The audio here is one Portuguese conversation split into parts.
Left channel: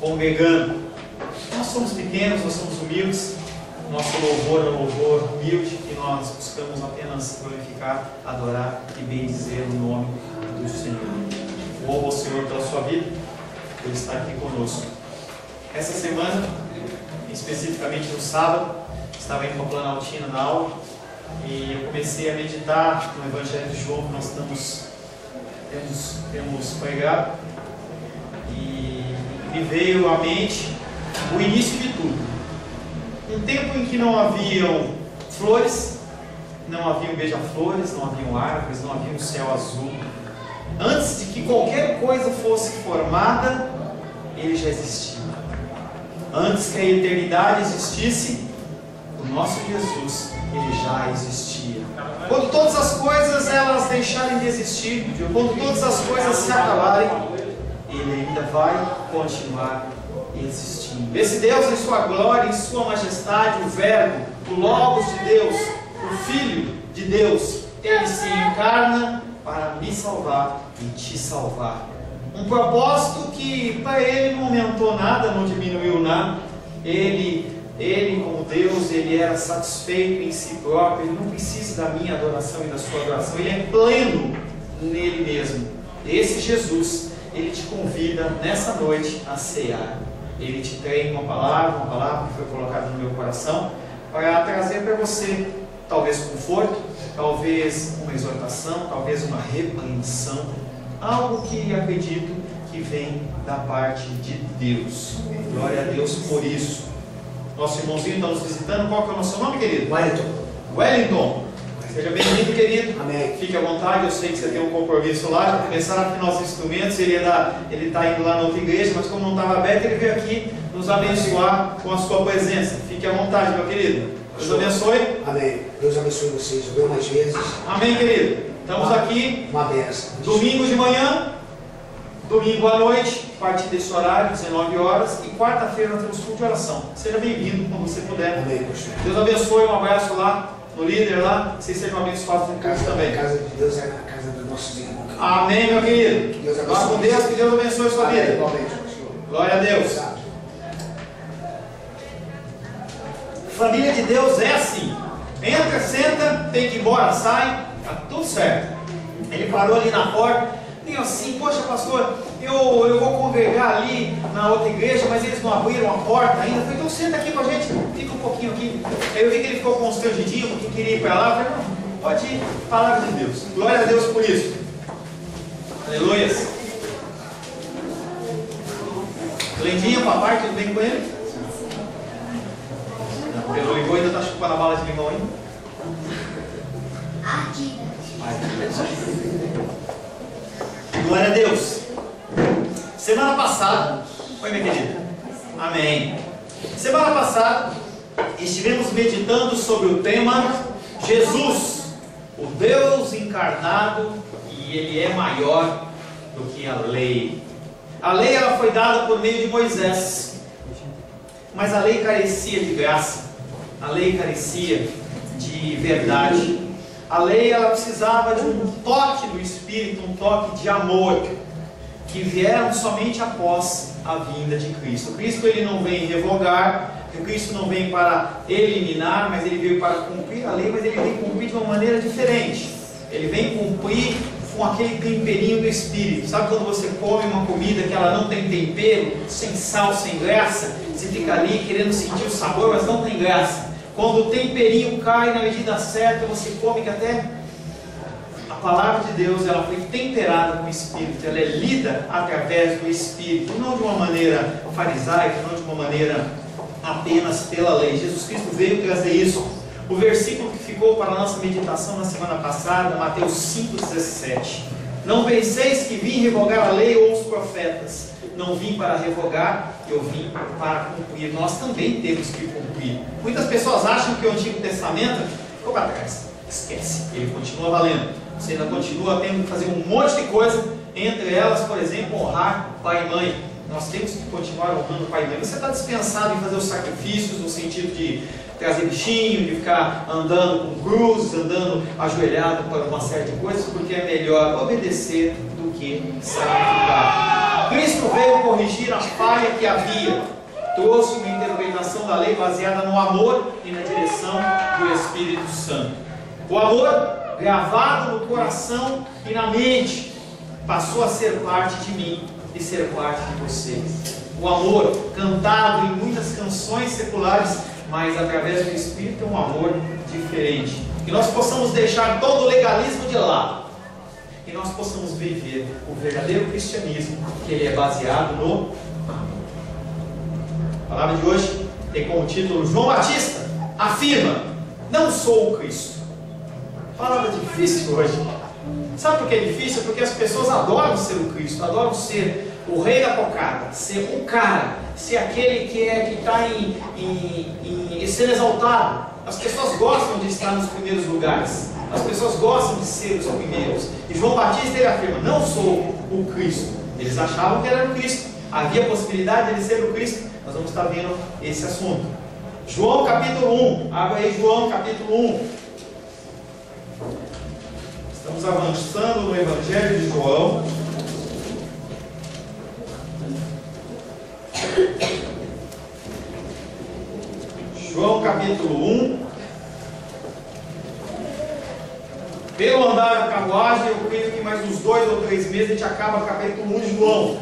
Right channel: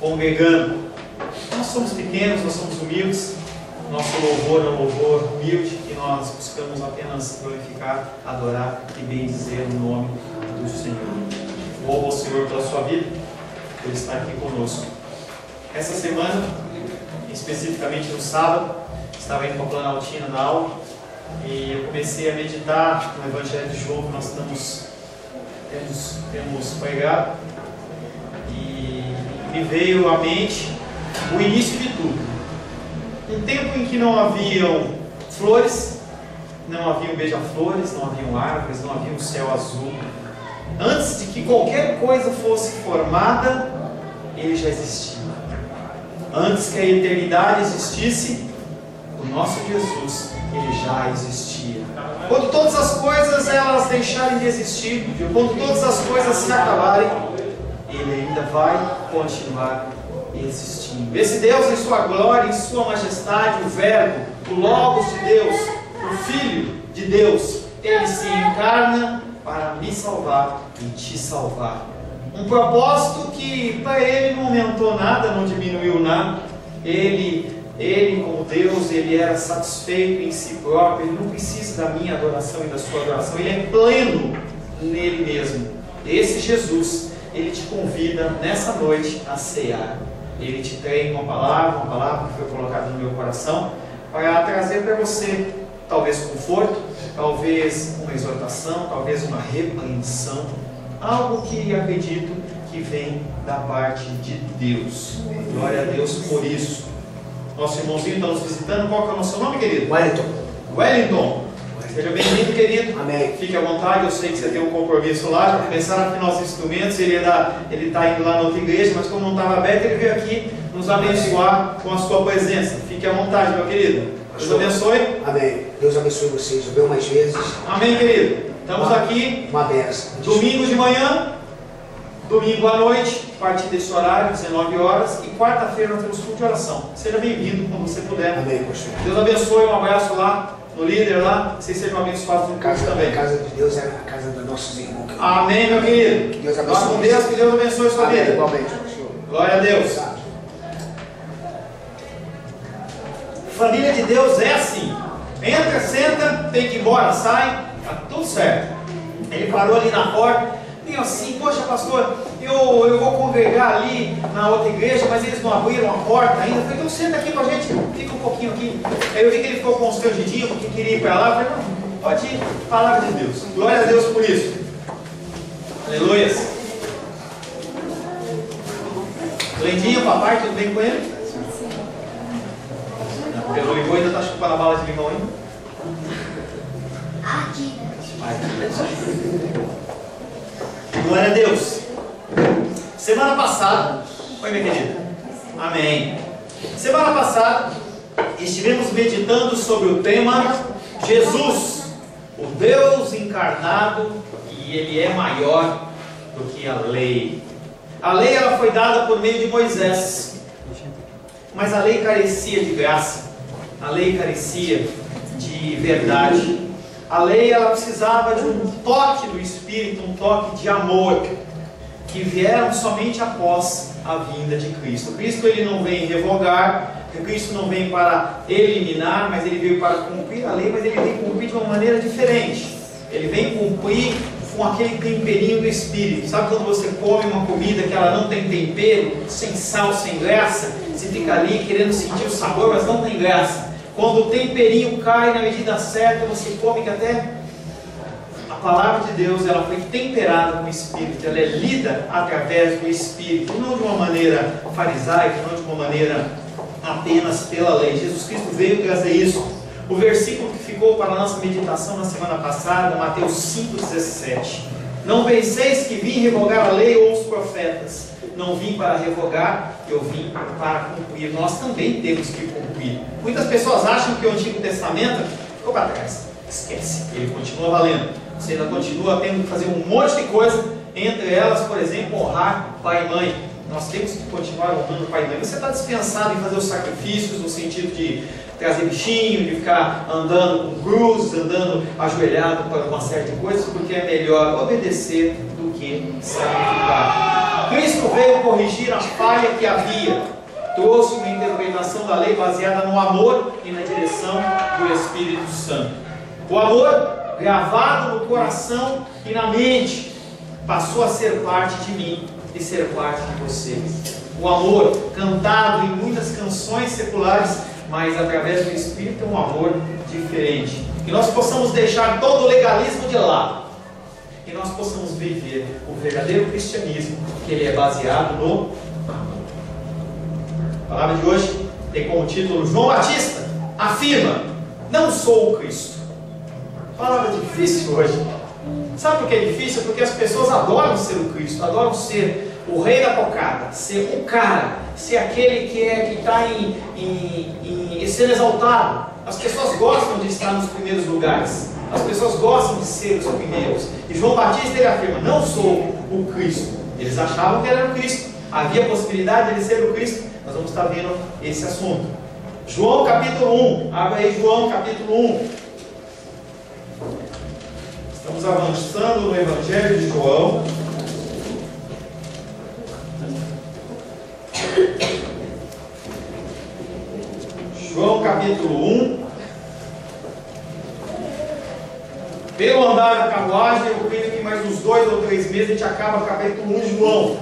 congregando. Nós somos pequenos, nós somos humildes. Nosso louvor é um louvor humilde e nós buscamos apenas glorificar, adorar e bendizer o nome do Senhor. Louvo ao Senhor pela sua vida, por estar aqui conosco. Essa semana, especificamente no sábado, estava indo para a Planaltina na aula e eu comecei a meditar no Evangelho de João que nós temos pregado, e me veio à mente o início de tudo. Um tempo em que não haviam flores, não haviam beija-flores, não haviam árvores, não havia um céu azul. Antes de que qualquer coisa fosse formada, ele já existia. Antes que a eternidade existisse, o nosso Jesus, ele já existia. Quando todas as coisas elas deixarem de existir, quando todas as coisas se acabarem, ele ainda vai continuar existindo. Esse Deus em sua glória, em sua majestade, o Verbo, o Logos de Deus, o Filho de Deus, ele se encarna para me salvar e te salvar. Um propósito que para ele não aumentou nada, não diminuiu nada. Ele como Deus, ele era satisfeito em si próprio. Ele não precisa da minha adoração e da sua adoração. Ele é pleno nele mesmo. Esse Jesus, ele te convida nessa noite a cear. Ele te tem uma palavra que foi colocada no meu coração, para trazer para você, talvez conforto, talvez uma exortação, talvez uma repreensão, algo que acredito que vem da parte de Deus. Glória a Deus por isso. Nosso irmãozinho está nos visitando. Qual que é o nosso nome, querido? Wellington. Seja bem-vindo, querido. Amém. Fique à vontade, eu sei que você tem um compromisso lá. Já começaram a afinar os instrumentos. Ele está indo lá na outra igreja, mas como não estava aberto, ele veio aqui nos abençoar com a sua presença. Fique à vontade, meu querido. Deus abençoe. Amém. Deus abençoe vocês. Eu venho mais vezes. Amém, querido. Estamos aqui. Uma benção. Domingo de manhã, domingo à noite, a partir desse horário, 19 horas, e quarta-feira nós temos culto de oração. Seja bem-vindo quando você puder. Amém, pastor. Deus abençoe, um abraço lá no líder lá, que vocês sejam abençoados no culto também. A casa de Deus é a casa dos nossos irmãos. Amém, meu querido. Que Deus abençoe. Vá com Deus, que Deus abençoe a sua Amém, vida. igualmente, pastor. Glória a Deus. Família de Deus é assim. Entra, senta, tem que ir embora, sai, tá tudo certo. Ele parou ali na porta. E assim, poxa pastor, eu vou congregar ali na outra igreja, mas eles não abriram a porta ainda. Eu falei, então senta aqui com a gente, fica um pouquinho aqui. Aí eu vi que ele ficou constrangidinho, porque queria ir para lá. Eu falei, não, pode ir, palavra de Deus. Glória a Deus por isso. Aleluias. Lendinha, papai, tudo bem com ele? Não, pelo ligou, ainda está chupando a bala de limão ainda? Glória a Deus. Semana passada, oi minha querida, amém. Semana passada estivemos meditando sobre o tema Jesus, o Deus encarnado, e ele é maior do que a lei. A lei ela foi dada por meio de Moisés, mas a lei carecia de graça, a lei carecia de verdade. A lei ela precisava de um toque do Espírito, um toque de amor, que vieram somente após a vinda de Cristo. Cristo ele não vem revogar, Cristo não vem para eliminar, mas ele veio para cumprir a lei, mas ele vem cumprir de uma maneira diferente. Ele vem cumprir com aquele temperinho do Espírito. Sabe quando você come uma comida que ela não tem tempero, sem sal, sem graça? Você fica ali querendo sentir o sabor, mas não tem graça. Quando o temperinho cai na medida certa, você come que até a palavra de Deus ela foi temperada com o Espírito, ela é lida através do Espírito, não de uma maneira farisaica, não de uma maneira apenas pela lei. Jesus Cristo veio trazer isso. O versículo que ficou para a nossa meditação na semana passada, Mateus 5,17. Não penseis que vim revogar a lei ou os profetas. Não vim para revogar, eu vim para cumprir. Nós também temos que cumprir. Muitas pessoas acham que o Antigo Testamento ficou para trás. Esquece, ele continua valendo. Você ainda continua tendo que fazer um monte de coisa, entre elas, por exemplo, honrar pai e mãe. Nós temos que continuar honrando pai e mãe. Você está dispensado em fazer os sacrifícios, no sentido de trazer bichinho, de ficar andando com cruzes, andando ajoelhado para uma série de coisas, porque é melhor obedecer do que sacrificar. Cristo veio corrigir a falha que havia, trouxe uma interpretação da lei baseada no amor e na direção do Espírito Santo. O amor, gravado no coração e na mente, passou a ser parte de mim e ser parte de você. O amor, cantado em muitas canções seculares, mas através do Espírito, é um amor diferente. Que nós possamos deixar todo o legalismo de lado, que nós possamos viver o verdadeiro cristianismo, que ele é baseado no amor. A palavra de hoje tem como título: João Batista afirma: não sou o Cristo. Palavra difícil hoje. Sabe por que é difícil? Porque as pessoas adoram ser o Cristo, adoram ser o rei da cocada, ser o cara, ser aquele que está sendo exaltado. As pessoas gostam de estar nos primeiros lugares, as pessoas gostam de ser os primeiros. E João Batista, ele afirma: não sou o Cristo. Eles achavam que era o Cristo, havia a possibilidade de ele ser o Cristo. Nós vamos estar vendo esse assunto. João capítulo 1, abre aí João capítulo 1. Estamos avançando no Evangelho de João. João capítulo 1. Pelo andar da carruagem, eu creio que mais uns 2 ou 3 meses a gente acaba o capítulo 1 de João.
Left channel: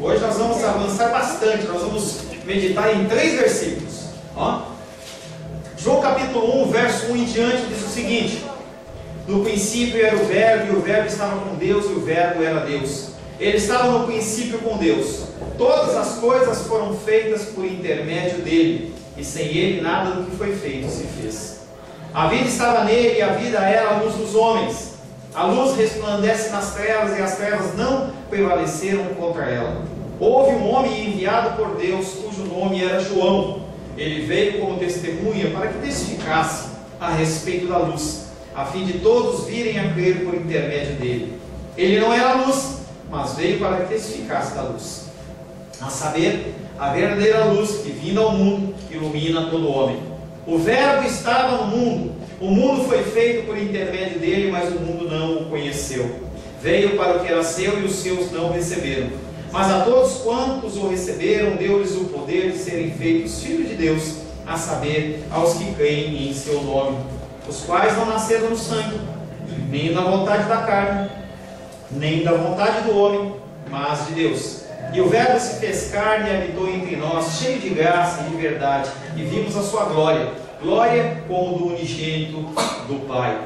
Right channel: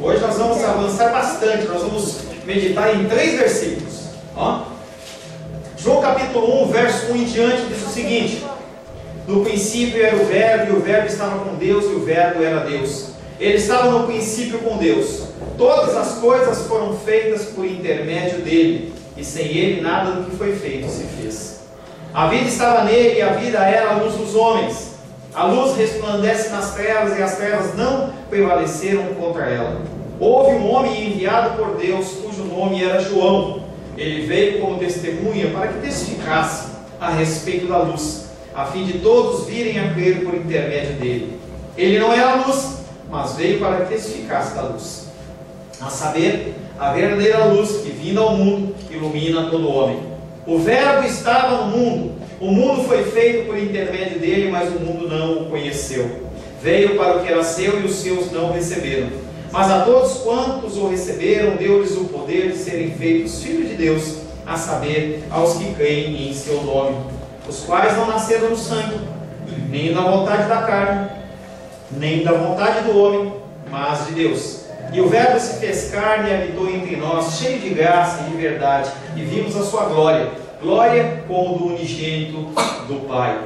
Hoje nós vamos avançar bastante, nós vamos meditar em 3 versículos. Ó. João capítulo 1, verso 1 em diante, diz o seguinte: no princípio era o Verbo, e o Verbo estava com Deus, e o Verbo era Deus. Ele estava no princípio com Deus. Todas as coisas foram feitas por intermédio dele, e sem ele nada do que foi feito se fez. A vida estava nele, e a vida era a luz dos homens. A luz resplandece nas trevas, e as trevas não prevaleceram contra ela. Houve um homem enviado por Deus, cujo nome era João. Ele veio como testemunha para que testificasse a respeito da luz, a fim de todos virem a crer por intermédio dele. Ele não era a luz, mas veio para que testificasse da luz, a saber, a verdadeira luz que, vindo ao mundo, ilumina todo homem. O Verbo estava no mundo, o mundo foi feito por intermédio dele, mas o mundo não o conheceu. Veio para o que era seu, e os seus não o receberam. Mas a todos quantos o receberam, deu-lhes o poder de serem feitos filhos de Deus, a saber, aos que creem em seu nome, os quais não nasceram do sangue, nem da vontade da carne, nem da vontade do homem, mas de Deus. E o Verbo se fez carne e habitou entre nós, cheio de graça e de verdade, e vimos a sua glória, glória como do unigênito do Pai.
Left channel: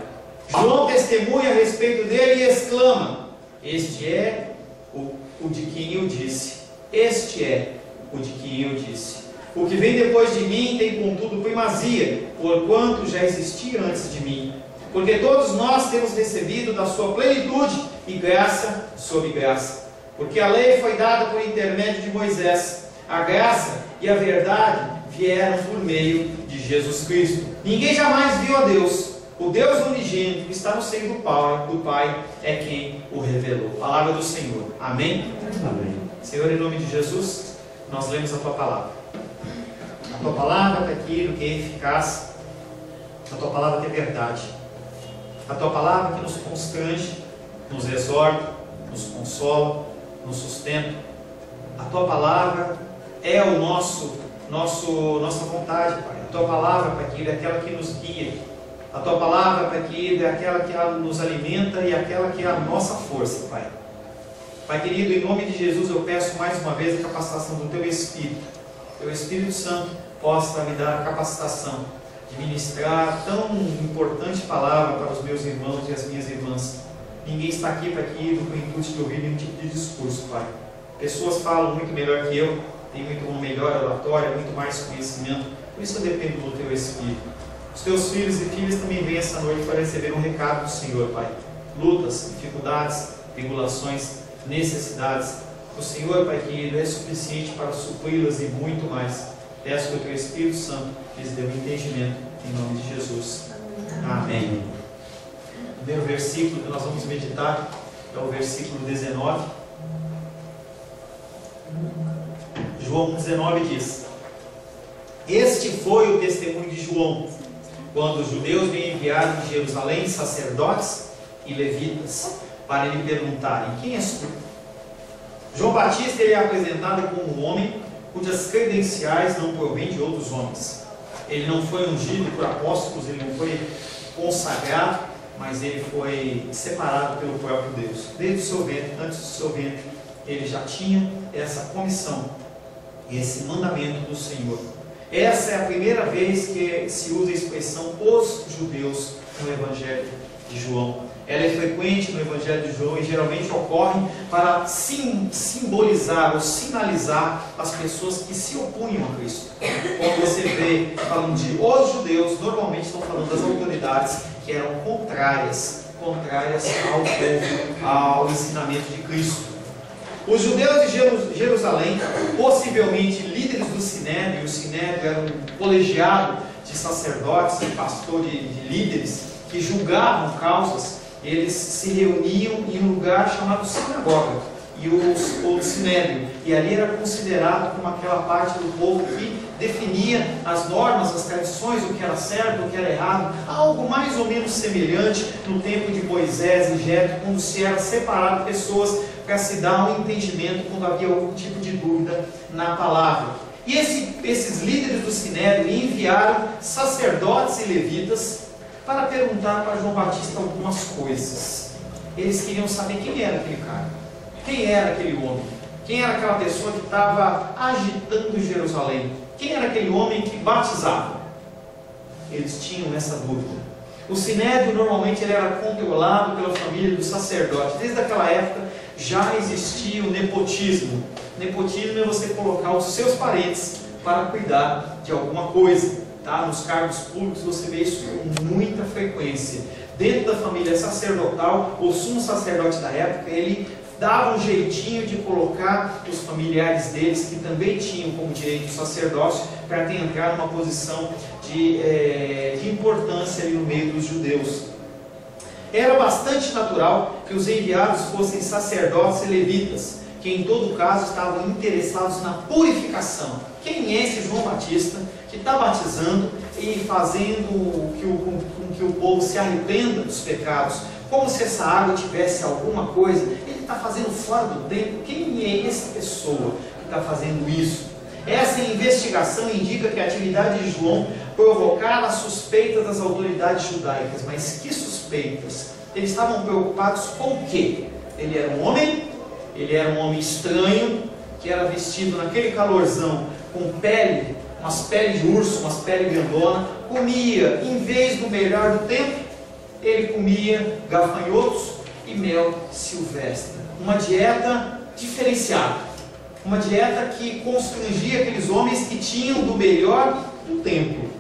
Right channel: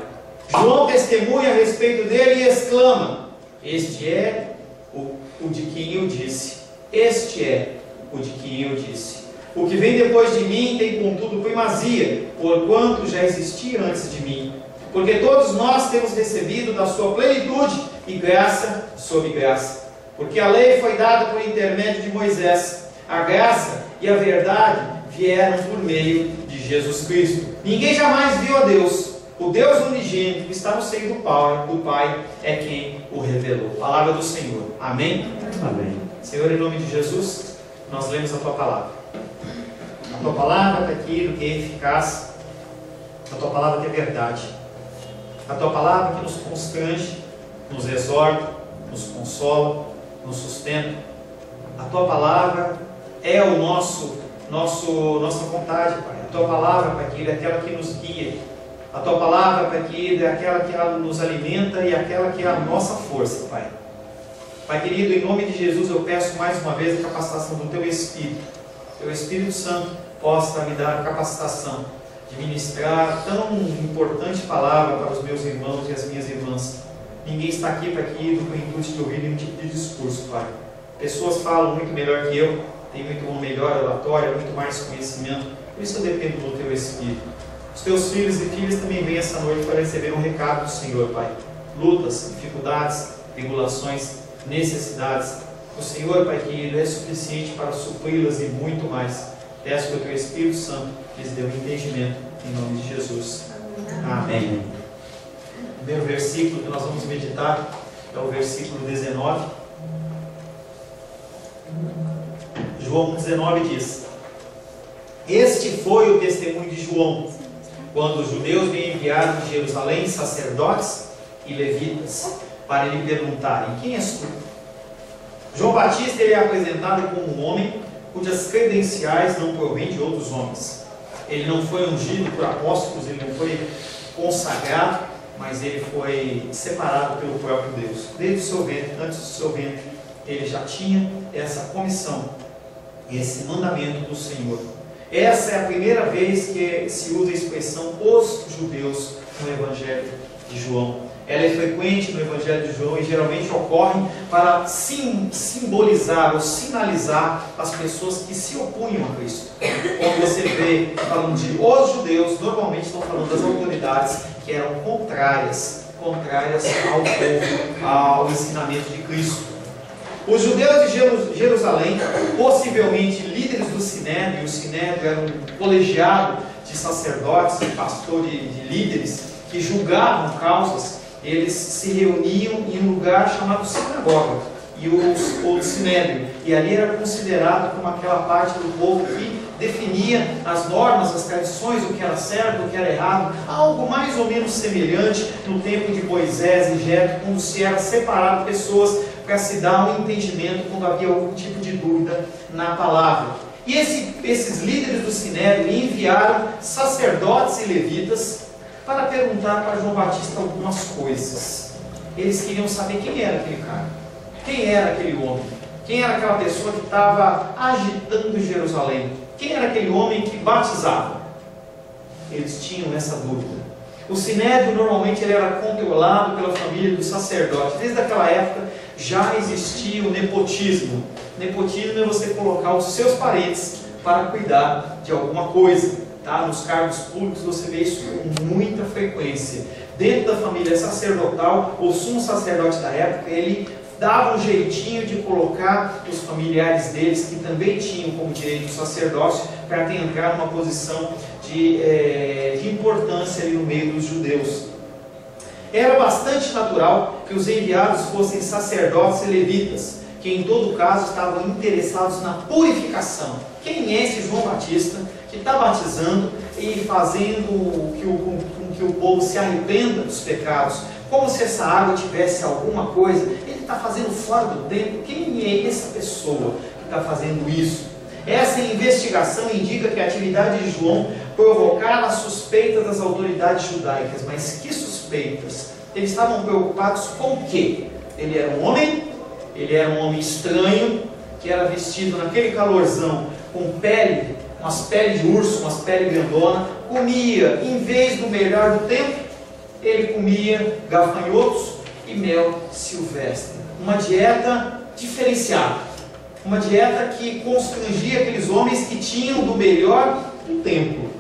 João testemunha a respeito dele e exclama: este é o de quem eu disse. Este é o de quem eu disse. O que vem depois de mim tem contudo primazia, porquanto já existia antes de mim. Porque todos nós temos recebido da sua plenitude e graça sobre graça. Porque a lei foi dada por intermédio de Moisés, a graça e a verdade vieram por meio de Jesus Cristo. Ninguém jamais viu a Deus. O Deus unigênito que está no seio do Pai é quem o revelou. Palavra do Senhor. Amém? Amém. Senhor, em nome de Jesus, nós lemos a Tua Palavra. A Tua Palavra é aquilo que é eficaz. A Tua Palavra que é verdade. A Tua Palavra que nos constrange, nos exorta, nos consola, nos sustenta. A Tua Palavra é o nossa vontade, Pai. A Tua Palavra, Pai querido, é aquela que nos guia. A Tua Palavra, Pai querido, é aquela que nos alimenta e aquela que é a nossa força, Pai. Pai querido, em nome de Jesus, eu peço mais uma vez a capacitação do Teu Espírito. Teu Espírito Santo possa me dar a capacitação de ministrar tão importante palavra para os meus irmãos e as minhas irmãs. Ninguém está aqui, Pai querido, com o intuito de ouvir nenhum tipo de discurso, Pai. Pessoas falam muito melhor que eu, têm muito melhor oratória, muito mais conhecimento. Por isso eu dependo do Teu Espírito. Os Teus filhos e filhas também vêm essa noite para receber um recado do Senhor, Pai. Lutas, dificuldades, tribulações, necessidades. O Senhor, Pai querido, é suficiente para supri-las e muito mais. Peço que o Teu Espírito Santo lhes dê um entendimento, em nome de Jesus. Amém. O primeiro versículo que nós vamos meditar é o versículo 19. João 19 diz: este foi o testemunho de João, quando os judeus lhe enviaram de Jerusalém sacerdotes e levitas, para lhe perguntarem: quem és tu? João Batista ele é apresentado como um homem cujas credenciais não provêm de outros homens. Ele não foi ungido por apóstolos, ele não foi consagrado, mas ele foi separado pelo próprio Deus. Desde o seu ventre, antes do seu ventre, ele já tinha essa comissão, esse mandamento do Senhor. Essa é a primeira vez que se usa a expressão os judeus no Evangelho de João. Ela é frequente no Evangelho de João e geralmente ocorre para simbolizar ou sinalizar as pessoas que se opunham a Cristo. Quando você vê falando de os judeus, normalmente estão falando das autoridades que eram contrárias ao povo, ao ensinamento de Cristo. Os judeus de Jerusalém, possivelmente líderes do Sinédrio, o Sinédrio era um colegiado de sacerdotes, de pastores, de líderes que julgavam causas. Eles se reuniam em um lugar chamado sinagoga, ou Sinédrio, e ali era considerado como aquela parte do povo que definia as normas, as tradições, o que era certo, o que era errado, algo mais ou menos semelhante no tempo de Moisés e Jetro, quando se era separado pessoas para se dar um entendimento quando havia algum tipo de dúvida na palavra. E esses líderes do Sinédrio enviaram sacerdotes e levitas para perguntar para João Batista algumas coisas. Eles queriam saber quem era aquele cara, quem era aquele homem, quem era aquela pessoa que estava agitando Jerusalém, quem era aquele homem que batizava. Eles tinham essa dúvida. O Sinédrio normalmente ele era controlado pela família do sacerdote. Desde aquela época já existia o nepotismo. Nepotismo é você colocar os seus parentes para cuidar de alguma coisa. Tá? Nos cargos públicos você vê isso com muita frequência. Dentro da família sacerdotal, o sumo sacerdote da época, ele dava um jeitinho de colocar os familiares deles, que também tinham como direito o sacerdócio, para entrar numa posição de importância ali no meio dos judeus. Era bastante natural que os enviados fossem sacerdotes e levitas, que em todo caso estavam interessados na purificação. Quem é esse João Batista que está batizando e fazendo com que o povo se arrependa dos pecados? Como se essa água tivesse alguma coisa? Ele está fazendo fora do tempo? Quem é essa pessoa que está fazendo isso? Essa investigação indica que a atividade de João provocava suspeitas das autoridades judaicas. Mas que suspeitas? Eles estavam preocupados com o quê? Ele era um homem estranho, que era vestido naquele calorzão com pele, umas peles de urso, umas peles grandona, comia, em vez do melhor do tempo, ele comia gafanhotos e mel silvestre. Uma dieta diferenciada, uma dieta que constrangia aqueles homens que tinham do melhor do templo.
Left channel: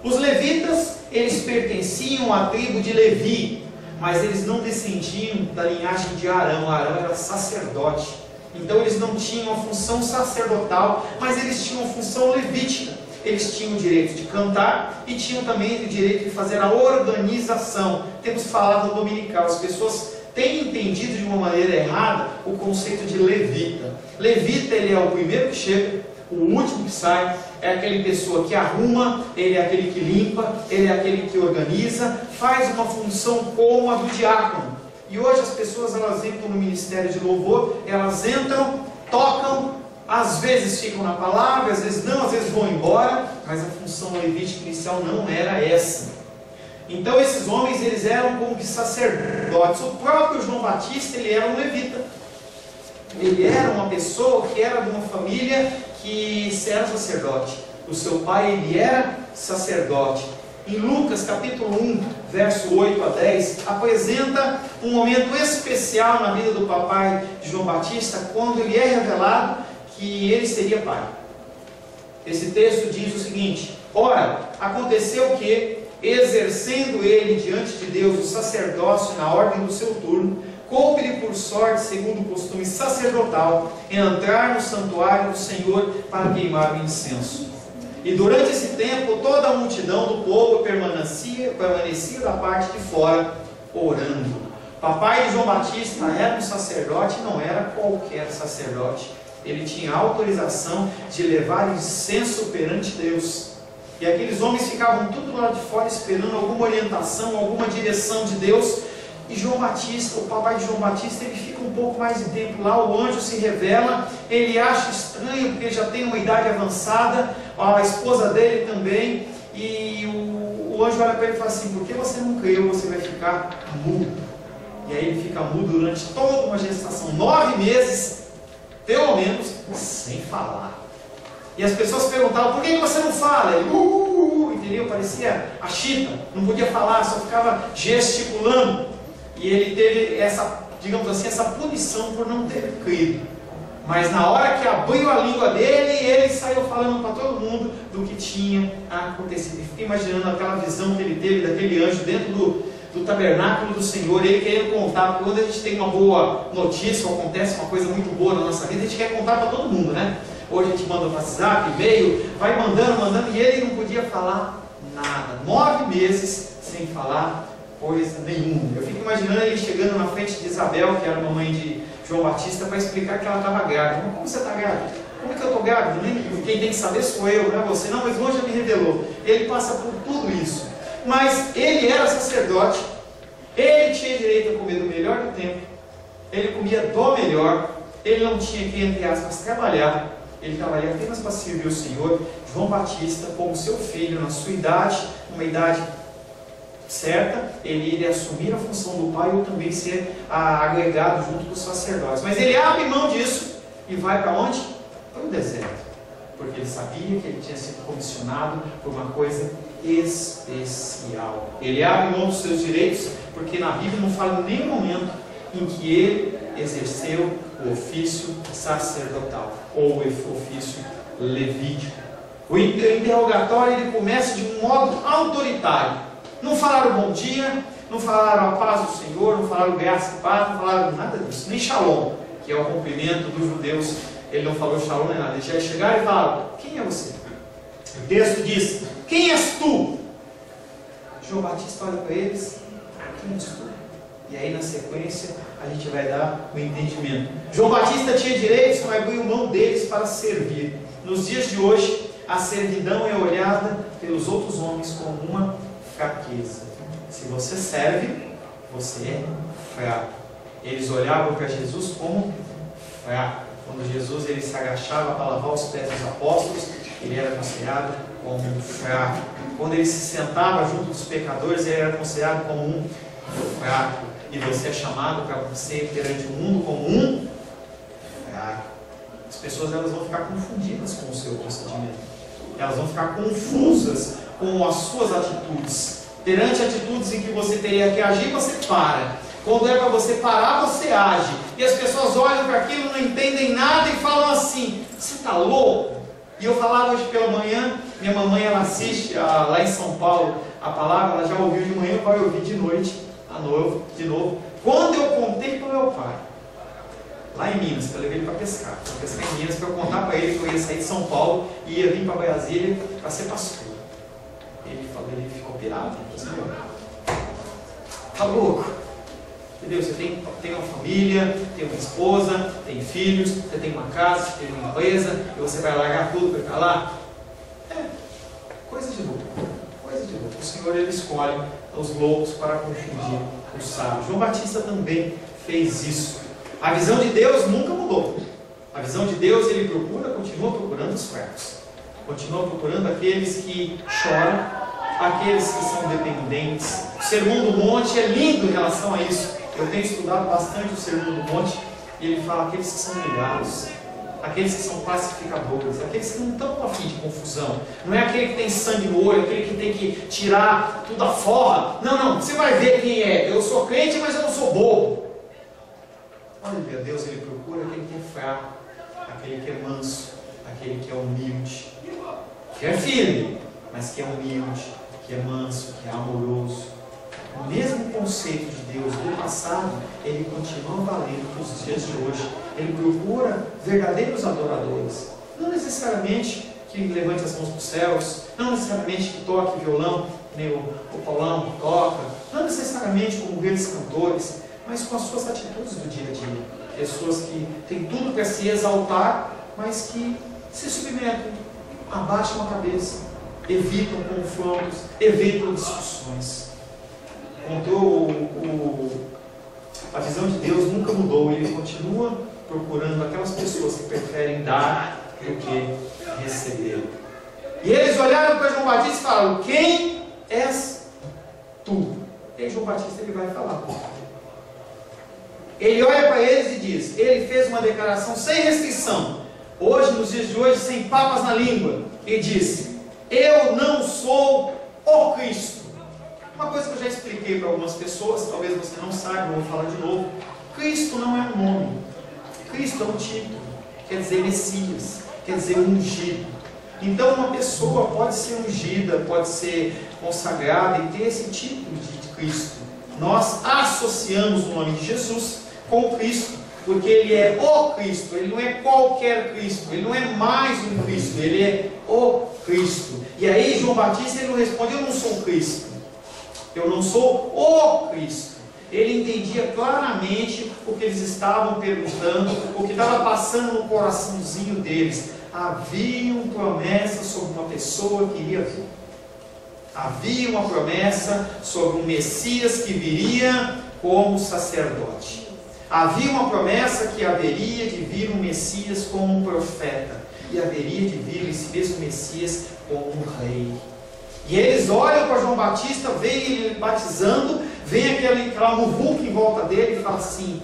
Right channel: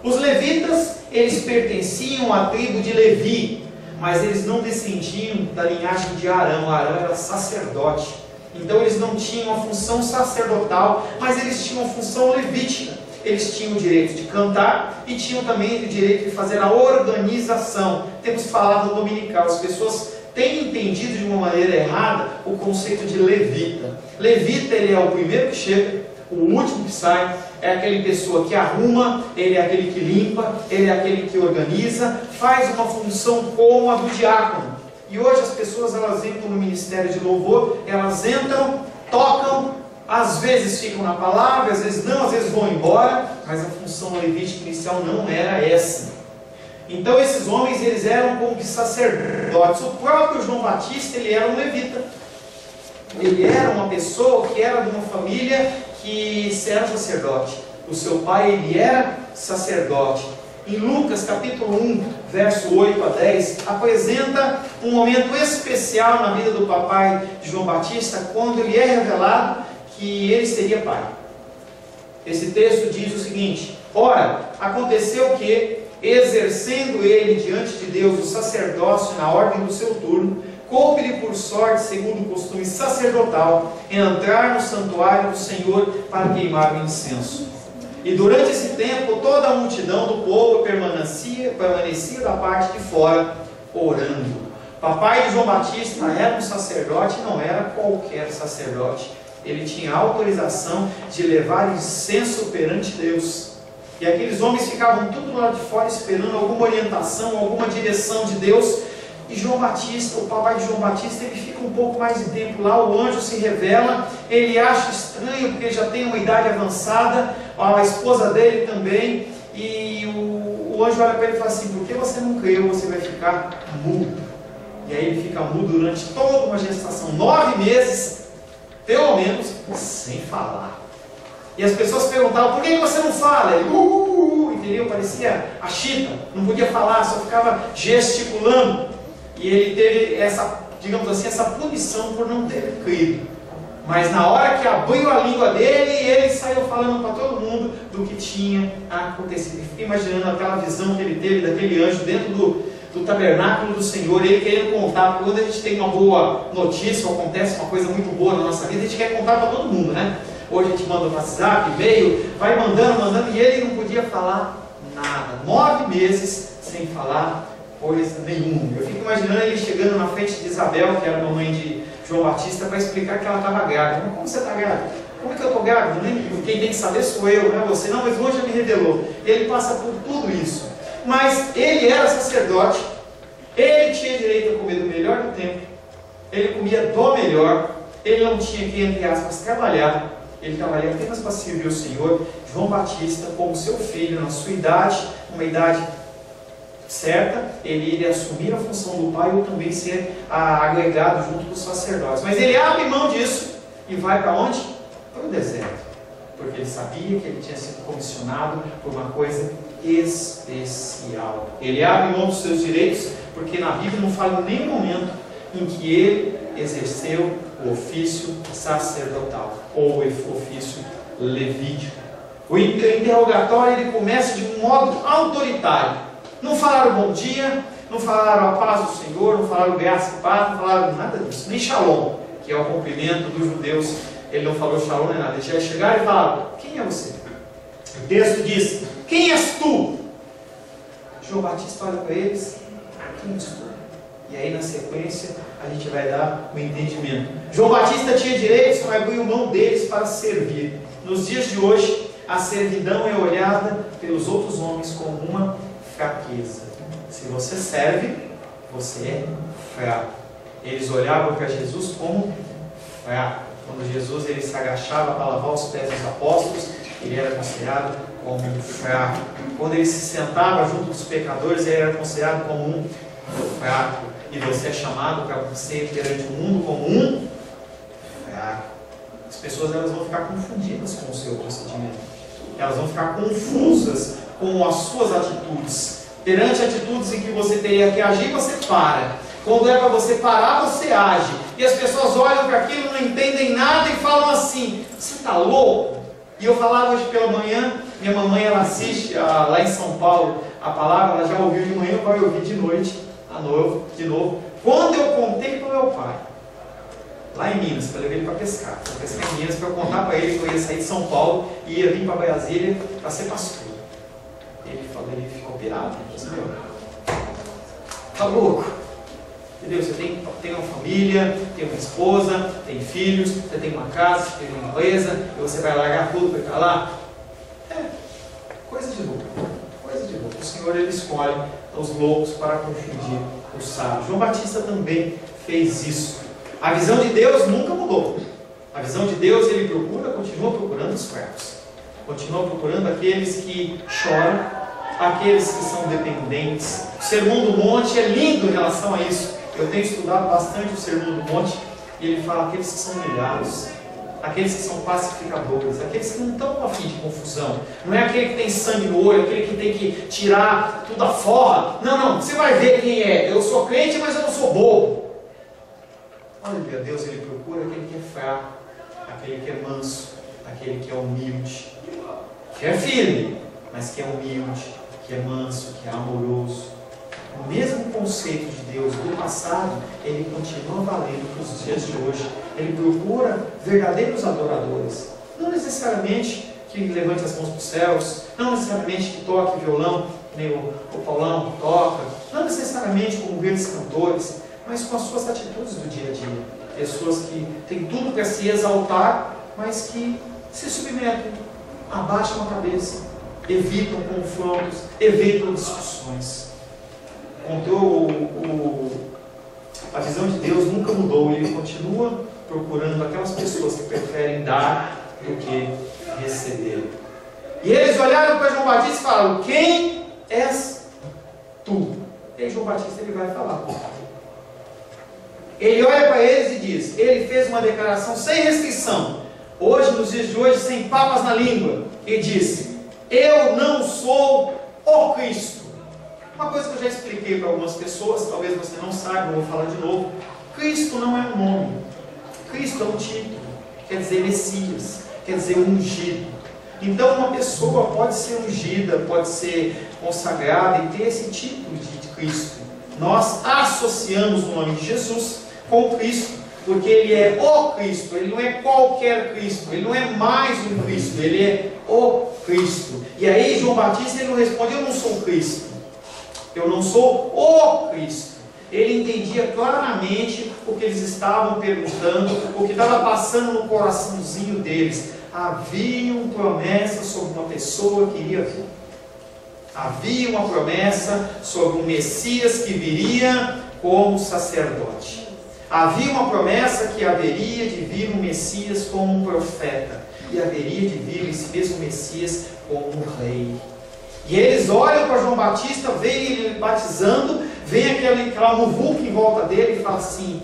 Os levitas, eles pertenciam à tribo de Levi, mas eles não descendiam da linhagem de Arão. Arão era sacerdote. Então eles não tinham a função sacerdotal, mas eles tinham a função levítica. Eles tinham o direito de cantar e tinham também o direito de fazer a organização. Temos falado dominical, as pessoas têm entendido de uma maneira errada o conceito de levita. Levita, ele é o primeiro que chega, o último que sai, é aquele pessoa que arruma, ele é aquele que limpa, ele é aquele que organiza, faz uma função como a do diácono. E hoje as pessoas elas entram no ministério de louvor, elas entram, tocam, às vezes ficam na palavra, às vezes não, às vezes vão embora, mas a função levítica inicial não era essa. Então esses homens eles eram como que sacerdotes. O próprio João Batista ele era um levita. Ele era uma pessoa que era de uma família que era sacerdote. O seu pai ele era sacerdote. Em Lucas capítulo 1, verso 8 a 10, apresenta um momento especial na vida do papai de João Batista, quando lhe é revelado que ele seria pai. Esse texto diz o seguinte: ora, aconteceu que, exercendo ele diante de Deus o sacerdócio na ordem do seu turno, coube-lhe por sorte, segundo o costume sacerdotal, entrar no santuário do Senhor para queimar o incenso. E durante esse tempo, toda a multidão do povo permanecia da parte de fora, orando. O papai de João Batista era um sacerdote, não era qualquer sacerdote. Ele tinha autorização de levar incenso perante Deus. E aqueles homens ficavam tudo lá de fora esperando alguma orientação, alguma direção de Deus. E João Batista, o papai de João Batista, ele fica um pouco mais de tempo lá, o anjo se revela, ele acha estranho, porque ele já tem uma idade avançada, a esposa dele também, e o anjo olha para ele e fala assim: por que você não creu? Você vai ficar mudo. E aí ele fica mudo durante toda uma gestação, 9 meses, pelo menos, sem falar. E as pessoas perguntavam: por que você não fala? Ele, entendeu? Parecia a chita, não podia falar, só ficava gesticulando. E ele teve essa, digamos assim, essa punição por não ter crido. Mas na hora que abriu a língua dele, ele saiu falando para todo mundo do que tinha acontecido. E fiquei imaginando aquela visão que ele teve daquele anjo dentro do tabernáculo do Senhor, ele querendo contar. Porque quando a gente tem uma boa notícia, ou acontece uma coisa muito boa na nossa vida, a gente quer contar para todo mundo, né? Hoje a gente manda no WhatsApp, e-mail, vai mandando, e ele não podia falar nada. 9 meses sem falar coisa nenhuma. Eu fico imaginando ele chegando na frente de Isabel, que era a mamãe de João Batista, para explicar que ela estava grávida. Mas como você está grávida? Como é que eu estou grávida? Quem tem que saber sou eu, não é você. Não, mas o anjo já me revelou. Ele passa por tudo isso. Mas ele era sacerdote, ele tinha direito a comer do melhor do tempo, ele comia do melhor, ele não tinha que, entre aspas, trabalhar. Ele trabalhava apenas para servir o Senhor. João Batista, como seu filho, na sua idade, uma idade certa, ele iria assumir a função do pai ou também ser agregado junto com os sacerdotes. Mas ele abre mão disso e vai para onde? Para o deserto. Porque ele sabia que ele tinha sido comissionado por uma coisa especial. Ele abre mão dos seus direitos, porque na Bíblia não fala em nenhum momento em que ele exerceu o ofício sacerdotal ou o ofício levítico. O interrogatório ele começa de um modo autoritário. Não falaram bom dia, não falaram a paz do Senhor, não falaram graça e paz, não falaram nada disso, nem shalom, que é o cumprimento dos judeus. Ele não falou shalom nem nada. Eles chegaram e falaram: quem é você? O texto diz: quem és tu? João Batista olha para eles: quem és tu? E aí na sequência a gente vai dar o entendimento. João Batista tinha direitos, mas abriu mão deles para servir. Nos dias de hoje, a servidão é olhada pelos outros homens como uma fraqueza. Se você serve, você é fraco. Eles olhavam para Jesus como fraco. Quando Jesus ele se agachava para lavar os pés dos apóstolos, ele era considerado como um fraco. Quando ele se sentava junto dos pecadores, ele era considerado como um fraco. E você é chamado para ser perante o mundo como um fraco. As pessoas elas vão ficar confundidas com o seu procedimento. Elas vão ficar confusas com as suas atitudes. Perante atitudes em que você teria que agir, você para. Quando é para você parar, você age. E as pessoas olham para aquilo, não entendem nada e falam assim: você está louco? E eu falava hoje pela manhã, minha mamãe ela assiste lá em São Paulo a palavra, ela já ouviu de manhã, vai ouvir de noite, de novo. Quando eu contei para o meu pai, lá em Minas, que eu levei ele para pescar em Minas, para eu contar para ele que eu ia sair de São Paulo e ia vir para Brasília para ser pastor. Ele falou, ele ficou pirado. Ele falou assim: tá louco? Entendeu? Você tem uma família, tem uma esposa, tem filhos, você tem uma casa, você tem uma empresa, e você vai largar tudo para ficar lá? É, coisa de louco. Coisa de louco. O Senhor ele escolhe os loucos para confundir os sábios. João Batista também fez isso. A visão de Deus nunca mudou. A visão de Deus ele continua procurando os fracos. Continua procurando aqueles que choram, aqueles que são dependentes. O Sermão do Monte é lindo em relação a isso. Eu tenho estudado bastante o Sermão do Monte e ele fala aqueles que são humilhados, aqueles que são pacificadores, aqueles que não estão a fim de confusão. Não é aquele que tem sangue no olho, aquele que tem que tirar tudo a forra. Não, você vai ver quem é. Eu sou crente, mas eu não sou bobo. Olha, Deus ele procura aquele que é fraco, aquele que é manso, aquele que é humilde, que é firme, mas que é humilde, que é manso, que é amoroso. O mesmo conceito de Deus do passado, ele continua valendo para os dias de hoje. Ele procura verdadeiros adoradores. Não necessariamente que levante as mãos para os céus, não necessariamente que toque violão, que nem o Paulão toca, não necessariamente como grandes cantores, mas com as suas atitudes do dia a dia. Pessoas que têm tudo para se exaltar, mas que se submetem, abaixam a cabeça, evitam confrontos, evitam discussões. Contou A visão de Deus nunca mudou. Ele continua procurando aquelas pessoas que preferem dar do que receber. E eles olharam para João Batista e falaram: quem és tu? E aí João Batista ele vai falar. Ele olha para eles e diz, ele fez uma declaração sem restrição, hoje, nos dias de hoje, sem papas na língua, e disse: eu não sou o Cristo. Uma coisa que eu já expliquei para algumas pessoas, talvez você não saiba, eu vou falar de novo. Cristo não é um nome, Cristo é um título, quer dizer Messias, quer dizer ungido. Então uma pessoa pode ser ungida, pode ser consagrada e ter esse título de Cristo. Nós associamos o nome de Jesus com Cristo, porque Ele é o Cristo, Ele não é qualquer Cristo, Ele não é mais um Cristo, Ele é o Cristo. E aí João Batista ele não responde: eu não sou o Cristo, eu não sou o Cristo. Ele entendia claramente o que eles estavam perguntando, o que estava passando no coraçãozinho deles. Haviam promessas sobre uma pessoa que iria vir. Havia uma promessa sobre um Messias que viria como sacerdote. Havia uma promessa que haveria de vir um Messias como um profeta. E haveria de vir esse mesmo Messias como um rei. E eles olham para João Batista, veem ele batizando, vem aquela muvuca em volta dele e fala assim:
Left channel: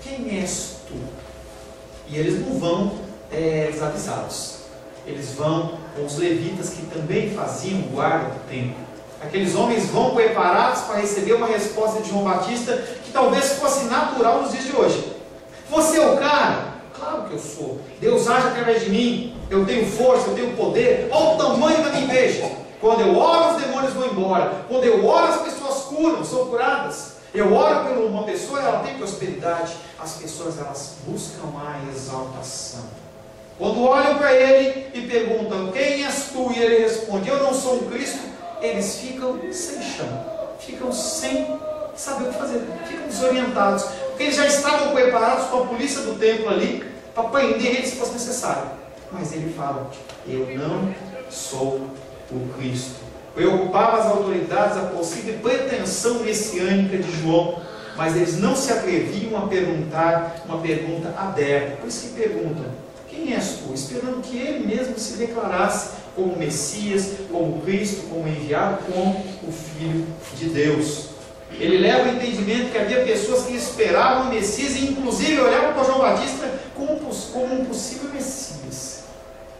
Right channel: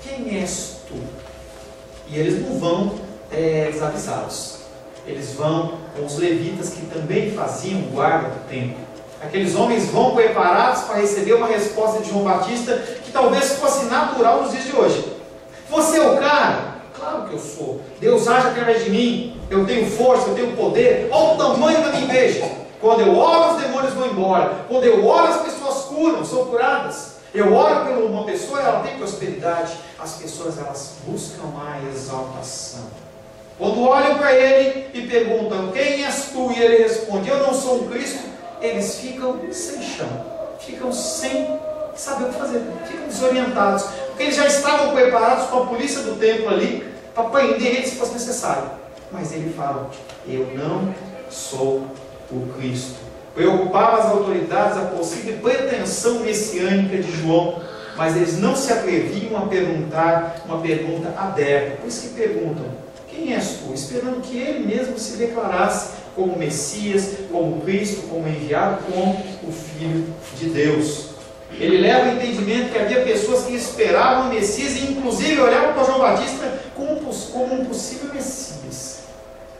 quem és tu? E eles não vão desavisados. Eles vão com os levitas que também faziam guarda do templo. Aqueles homens vão preparados para receber uma resposta de João Batista que talvez fosse natural nos dias de hoje. Você é o cara? Claro que eu sou. Deus age através de mim. Eu tenho força, eu tenho poder. Olha o tamanho da minha igreja. Quando eu oro, os demônios vão embora. Quando eu oro, as pessoas curam, são curadas. Eu oro por uma pessoa, ela tem prosperidade. As pessoas, elas buscam a exaltação. Quando olham para ele e perguntam: quem és tu? E ele responde: eu não sou um Cristo. Eles ficam sem chão, ficam sem saber o que fazer, ficam desorientados, porque eles já estavam preparados com a polícia do templo ali para prender ele se fosse necessário. Mas ele fala: eu não sou o Cristo. Preocupava as autoridades a possível pretensão messiânica de João, mas eles não se atreviam a perguntar uma pergunta aberta. Por isso que perguntam: quem és tu? Esperando que ele mesmo se declarasse como Messias, como Cristo, como enviado, como o Filho de Deus. Ele leva o entendimento que havia pessoas que esperavam o Messias e inclusive olhavam para João Batista como um possível Messias.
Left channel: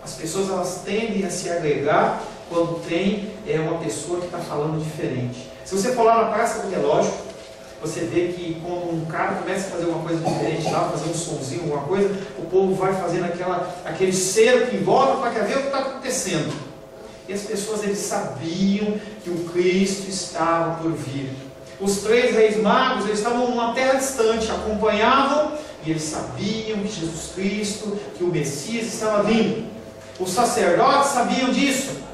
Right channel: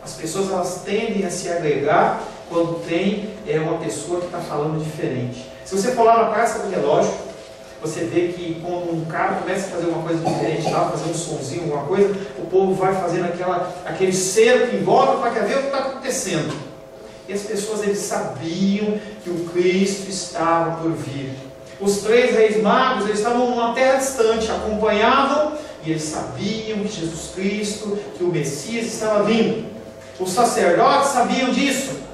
As pessoas, elas tendem a se agregar quando tem uma pessoa que está falando diferente. Se você for lá na Praça do Relógio, você vê que quando um cara começa a fazer uma coisa diferente lá, fazer um sonzinho, alguma coisa, o povo vai fazendo aquele cerco em volta para ver o que está acontecendo. E as pessoas, eles sabiam que o Cristo estava por vir. Os 3 reis magos, eles estavam numa terra distante, acompanhavam, e eles sabiam que Jesus Cristo, que o Messias estava vindo. Os sacerdotes sabiam disso.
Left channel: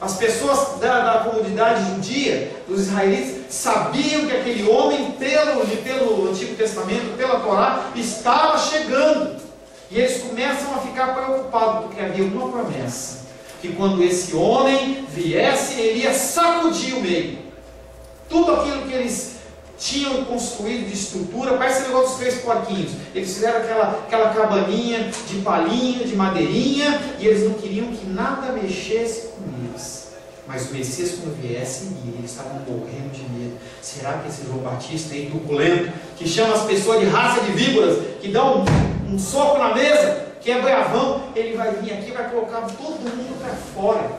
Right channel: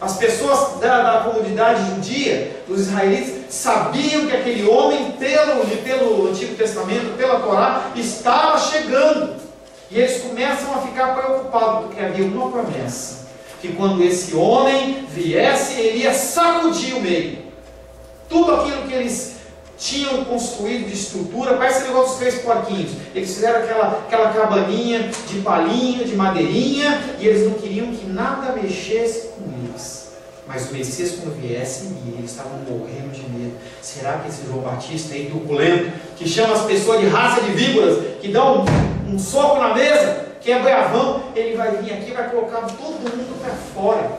As pessoas da comunidade judia, dos israelitas, sabiam que aquele homem, pelo Antigo Testamento, pela Torá, estava chegando. E eles começam a ficar preocupados, porque havia uma promessa: que quando esse homem viesse, ele ia sacudir o meio. Tudo aquilo que eles tinham construído de estrutura, parece o negócio dos 3 porquinhos. Eles fizeram aquela cabaninha de palhinha, de madeirinha, e eles não queriam que nada mexesse com eles. Mas o Messias, quando viesse, eles estavam morrendo de medo. Será que esse João Batista aí, truculento, que chama as pessoas de raça de víboras, que dá um soco na mesa, que é bravão, ele vai vir aqui e vai colocar todo mundo para fora?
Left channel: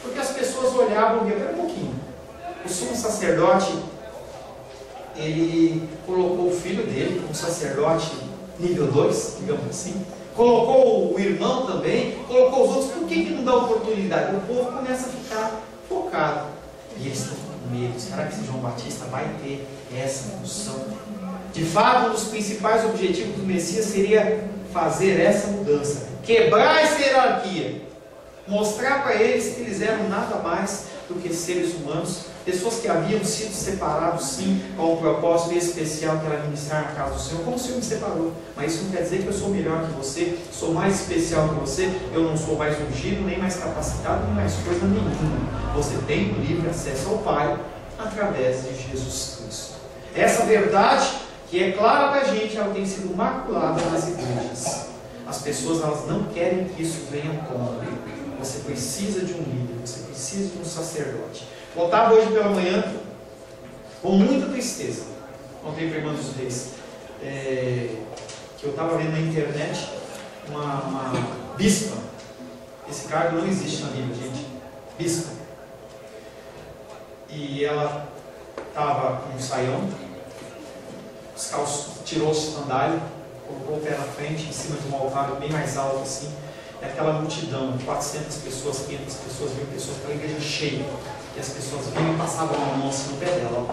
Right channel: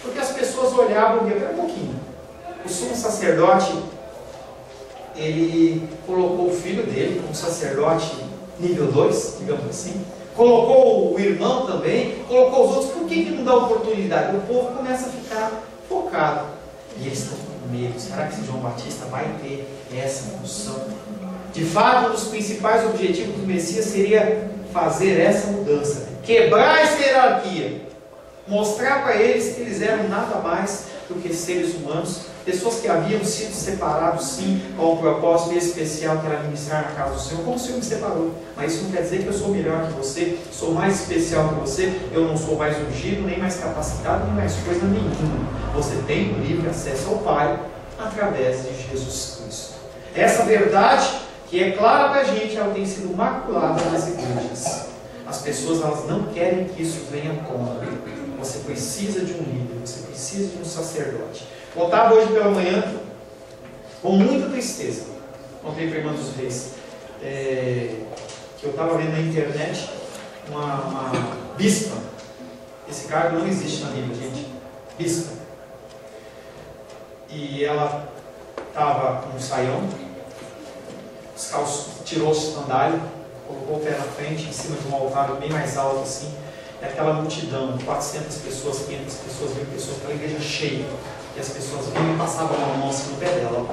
Porque as pessoas olhavam e viam: espera um pouquinho, o sumo sacerdote, ele colocou o filho dele como sacerdote nível 2, digamos assim, colocou o irmão também, colocou os outros. Por que não dá oportunidade? O povo começa a ficar focado, e eles estão com medo. Será que esse João Batista vai ter essa função? De fato, um dos principais objetivos do Messias seria fazer essa mudança, quebrar essa hierarquia, mostrar para eles que eles eram nada mais do que seres humanos, pessoas que haviam sido separados sim, com um propósito especial, que era ministrar na casa do Senhor, como o Senhor me separou. Mas isso não quer dizer que eu sou melhor que você, sou mais especial que você, eu não sou mais ungido, nem mais capacitado, nem mais coisa nenhuma. Você tem o livre acesso ao Pai através de Jesus Cristo. Essa verdade que é clara para a gente, ela tem sido maculada nas igrejas. As pessoas, elas não querem que isso venha à tona. Você precisa de um líder, você precisa de um sacerdote. Contava hoje pela manhã, com muita tristeza, contei para a Irmã dos Reis, que eu estava vendo na internet uma bispa. Esse cargo não existe na Bíblia, gente. Bispa. E ela estava com um saião, descalço, tirou a sandália, colocou o pé na frente, em cima de um altar bem mais alto assim, e aquela multidão, 400 pessoas, 500 pessoas, 1000 pessoas, aquela igreja cheia, e as pessoas vinham e passavam a mão assim no pé dela,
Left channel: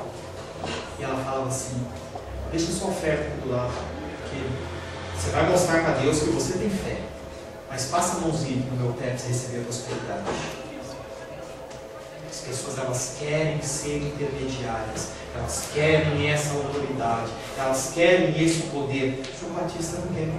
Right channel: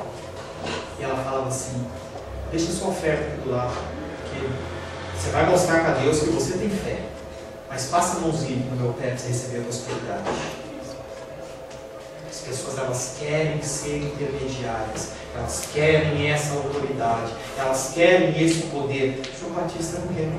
e ela falava assim: deixa sua oferta aqui do lado, porque você vai mostrar para Deus que você tem fé, mas passa a mãozinha aqui no meu pé para você receber a prosperidade. As pessoas, elas querem ser intermediárias, elas querem essa autoridade, elas querem esse poder. João Batista não quer.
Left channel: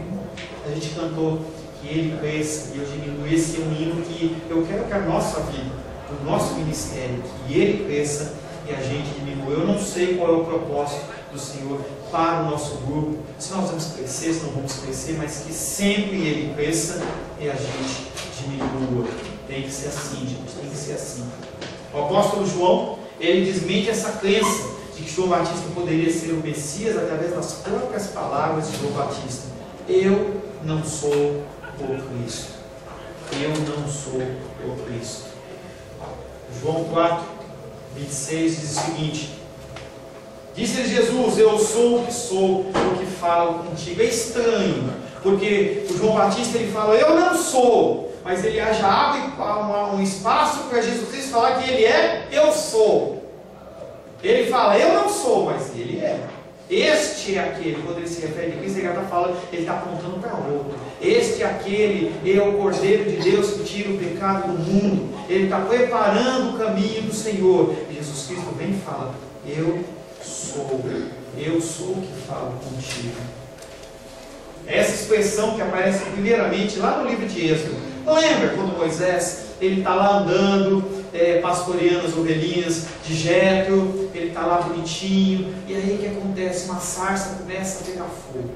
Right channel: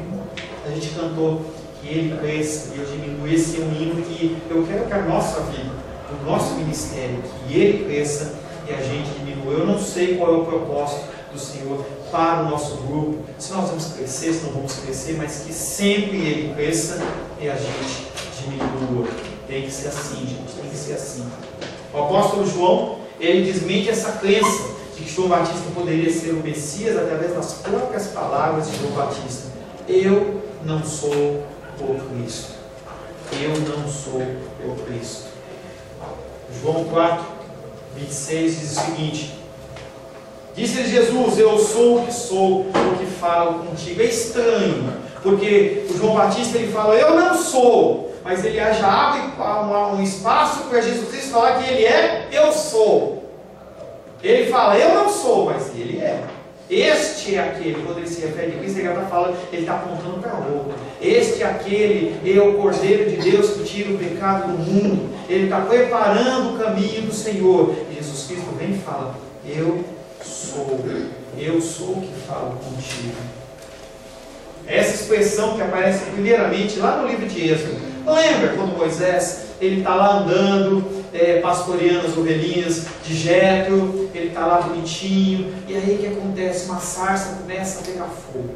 A gente cantou que ele cresça e eu diminuo. Esse é um hino que eu quero que a nossa vida, o nosso ministério, que ele cresça e a gente diminua. Eu não sei qual é o propósito do Senhor para o nosso grupo, se nós vamos crescer, se não vamos crescer, mas que sempre ele cresça e a gente diminua. Tem que ser assim, gente, tem que ser assim. O apóstolo João, ele desmente essa crença de que João Batista poderia ser o Messias através das próprias palavras de João Batista. Eu não sou o Cristo. Eu não sou o Cristo. João 4, 26 diz o seguinte: disse-lhe Jesus: eu sou o que sou, o que falo contigo. É estranho, porque o João Batista ele fala: eu não sou. Mas ele já abre um espaço para Jesus Cristo falar que ele é, eu sou. Ele fala, eu não sou, mas ele é. Este é aquele, quando ele se refere a Cristo, ele está falando, ele está apontando para outro. Este é aquele, é o Cordeiro de Deus que tira o pecado do mundo. Ele está preparando o caminho do Senhor. E Jesus Cristo vem e fala, eu sou o que falo contigo. Essa expressão que aparece primeiramente lá no livro de Êxodo. Lembra quando Moisés, ele está lá andando, pastoreando as ovelhinhas de Jétro, ele está lá bonitinho, e aí o que acontece? Uma sarça começa a pegar fogo.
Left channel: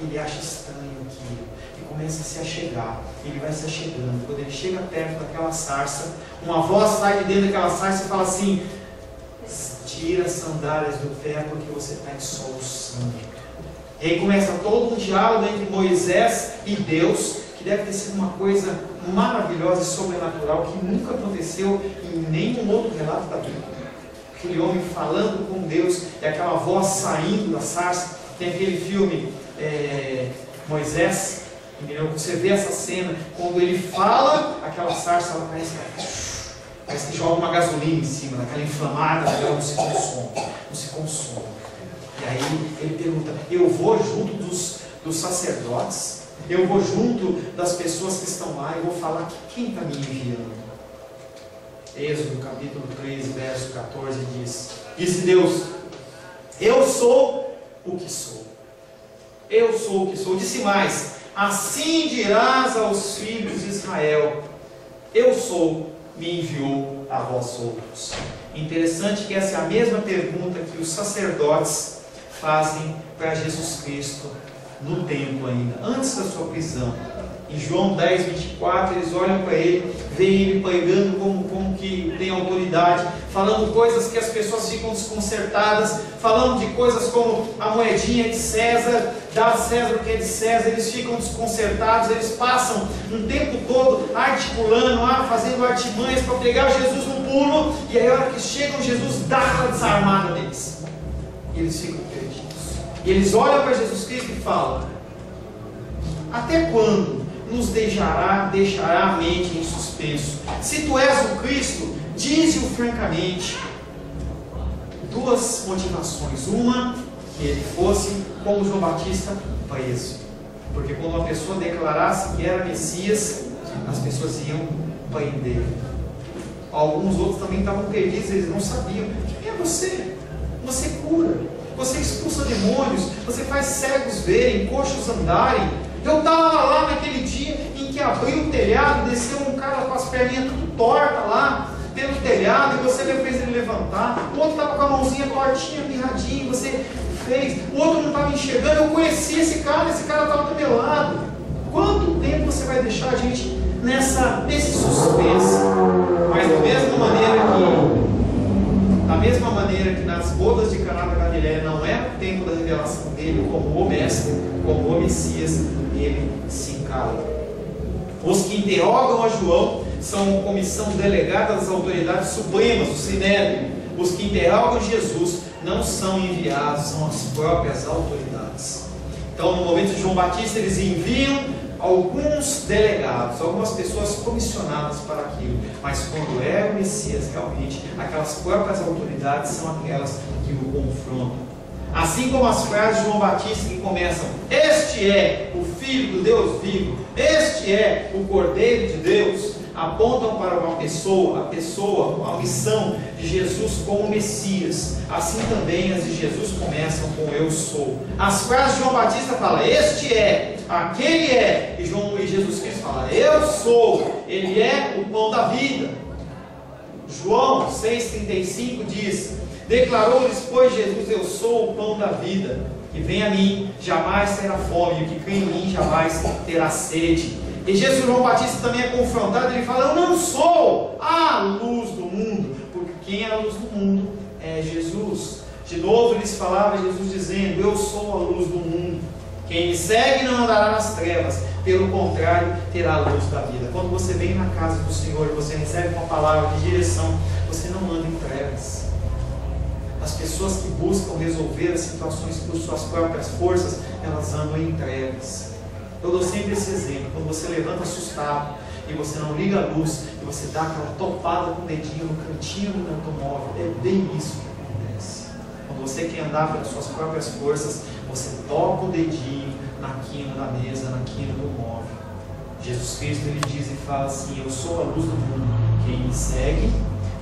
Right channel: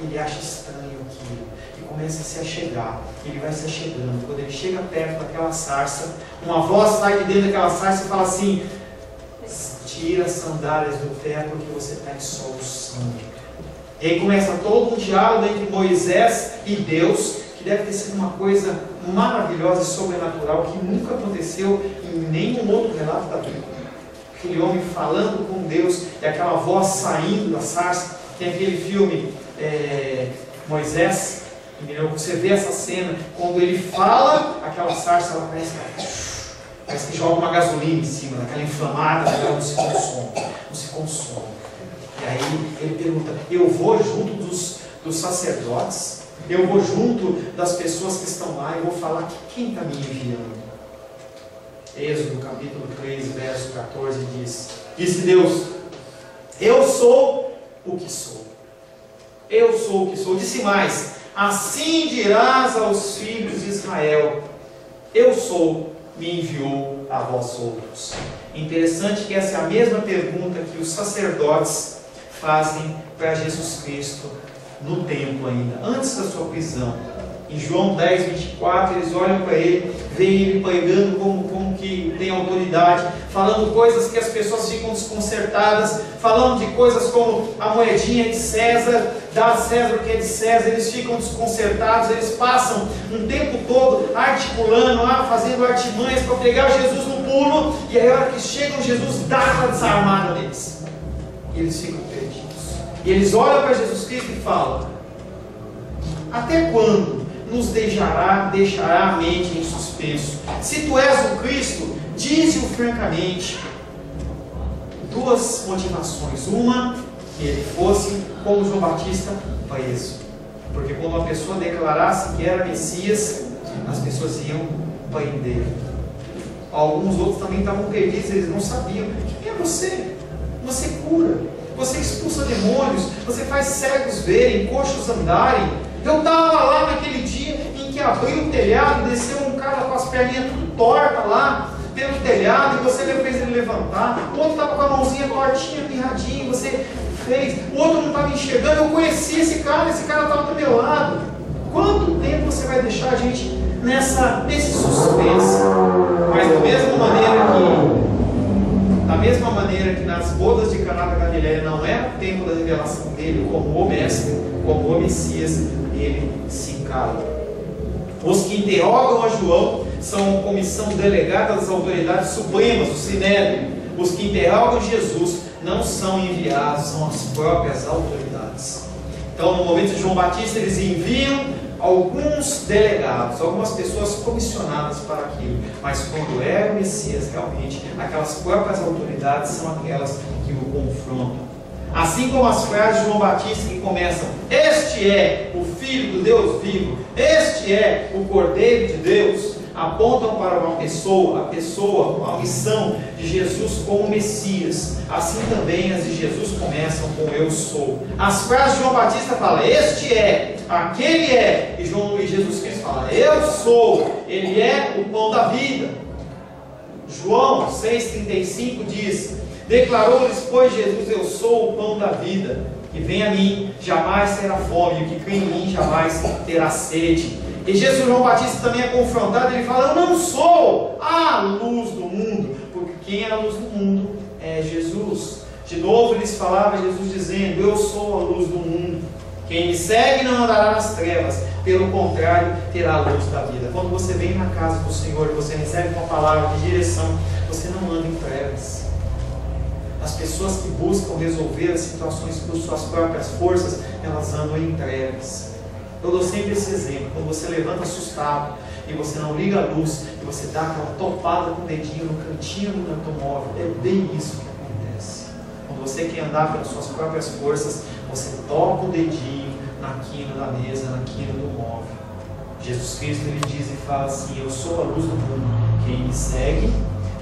Ele acha estranho aquilo, e começa a se achegar, ele vai se achegando. Quando ele chega perto daquela sarça, uma voz sai de dentro daquela sarça e fala assim, tira as sandálias do pé porque você está em solução. E aí começa todo um diálogo entre Moisés e Deus, que deve ter sido uma coisa maravilhosa e sobrenatural, que nunca aconteceu em nenhum outro relato da Bíblia. Aquele homem falando com Deus, e aquela voz saindo da sarça. Tem aquele filme, Moisés, entendeu? Você vê essa cena, quando ele fala, aquela sarça, ela parece que joga uma gasolina em cima, daquela inflamada, ela não se consome. E aí ele pergunta, eu vou junto dos sacerdotes, eu vou junto das pessoas que estão lá, eu vou falar que quem está me enviando? Êxodo capítulo 3, verso 14 diz, disse Deus, eu sou o que sou. Eu sou o que sou. Disse mais, assim dirás aos filhos de Israel, eu sou, me enviou a vós outros. Interessante que essa é a mesma pergunta que os sacerdotes fazem para Jesus Cristo no templo ainda, antes da sua prisão. Em João 10, 24, eles olham para ele, veem ele pregando como que tem autoridade, falando coisas que as pessoas ficam desconcertadas, falando de coisas como a moedinha de César, dá a César o que é de César, eles ficam desconcertados, eles passam um tempo todo articulando, fazendo artimanhas para pegar Jesus no pulo, e aí a hora que chegam, Jesus dá aquela desarmada neles, e eles ficam perdidos. E eles olham para Jesus Cristo e falam, até quando nos deixará a mente em suspenso? Se tu és o Cristo, dize-o francamente. Duas motivações. Uma, que ele fosse, como João Batista, preso. Porque quando uma pessoa declarasse que era Messias, as pessoas iam prender. Alguns outros também estavam perdidos, eles não sabiam. Quem é você? Você cura, você expulsa demônios, você faz cegos verem, coxos andarem. Eu estava lá naquele dia em que abriu o telhado, desceu um cara com as perninhas tudo tortas lá pelo telhado, e você fez ele levantar. O outro estava com a mãozinha tortinha, pirradinha, você fez. O outro não estava enxergando. Eu conheci esse cara estava do meu lado. Quanto tempo você vai deixar a gente nesse suspense? Mas da mesma maneira que nas bodas de Caná da Galileia não era o tempo da revelação dele como o mestre, como o Messias, ele se cala. Os que interrogam a João são a comissão delegada das autoridades supremas, o Sinédrio. Os que interrogam Jesus não são enviados, são as próprias autoridades. Então, no momento de João Batista, eles enviam alguns delegados, algumas pessoas comissionadas para aquilo. Mas quando é o Messias, realmente, aquelas próprias autoridades são aquelas que o confrontam. Assim como as frases de João Batista que começam: este é o Filho do Deus vivo, este é o Cordeiro de Deus, apontam para uma pessoa, a missão de Jesus como Messias. Assim também as de Jesus começam com eu sou. As frases de João Batista falam: este é, aquele é, e Jesus Cristo fala: eu sou, ele é o pão da vida. João 6,35 diz: declarou-lhes, pois, Jesus: eu sou o pão da vida, que vem a mim jamais terá fome, e o que crê em mim jamais terá sede. E João Batista também é confrontado, ele fala: eu não sou a luz do mundo, porque quem é a luz do mundo é Jesus. De novo lhes falava Jesus dizendo: eu sou a luz do mundo, quem me segue não andará nas trevas, pelo contrário, terá a luz da vida. Quando você vem na casa do Senhor e você recebe uma palavra de direção, você não anda em trevas. As pessoas que buscam resolver as situações por suas próprias forças, elas andam em trevas. Eu dou sempre esse exemplo: quando você levanta assustado e você não liga a luz, e você dá aquela topada com o dedinho no cantinho do automóvel, é bem isso que acontece. Quando você quer andar pelas suas próprias forças, você toca o dedinho na quina da mesa, na quina do móvel. Jesus Cristo, ele diz e fala assim: eu sou a luz do mundo, quem me segue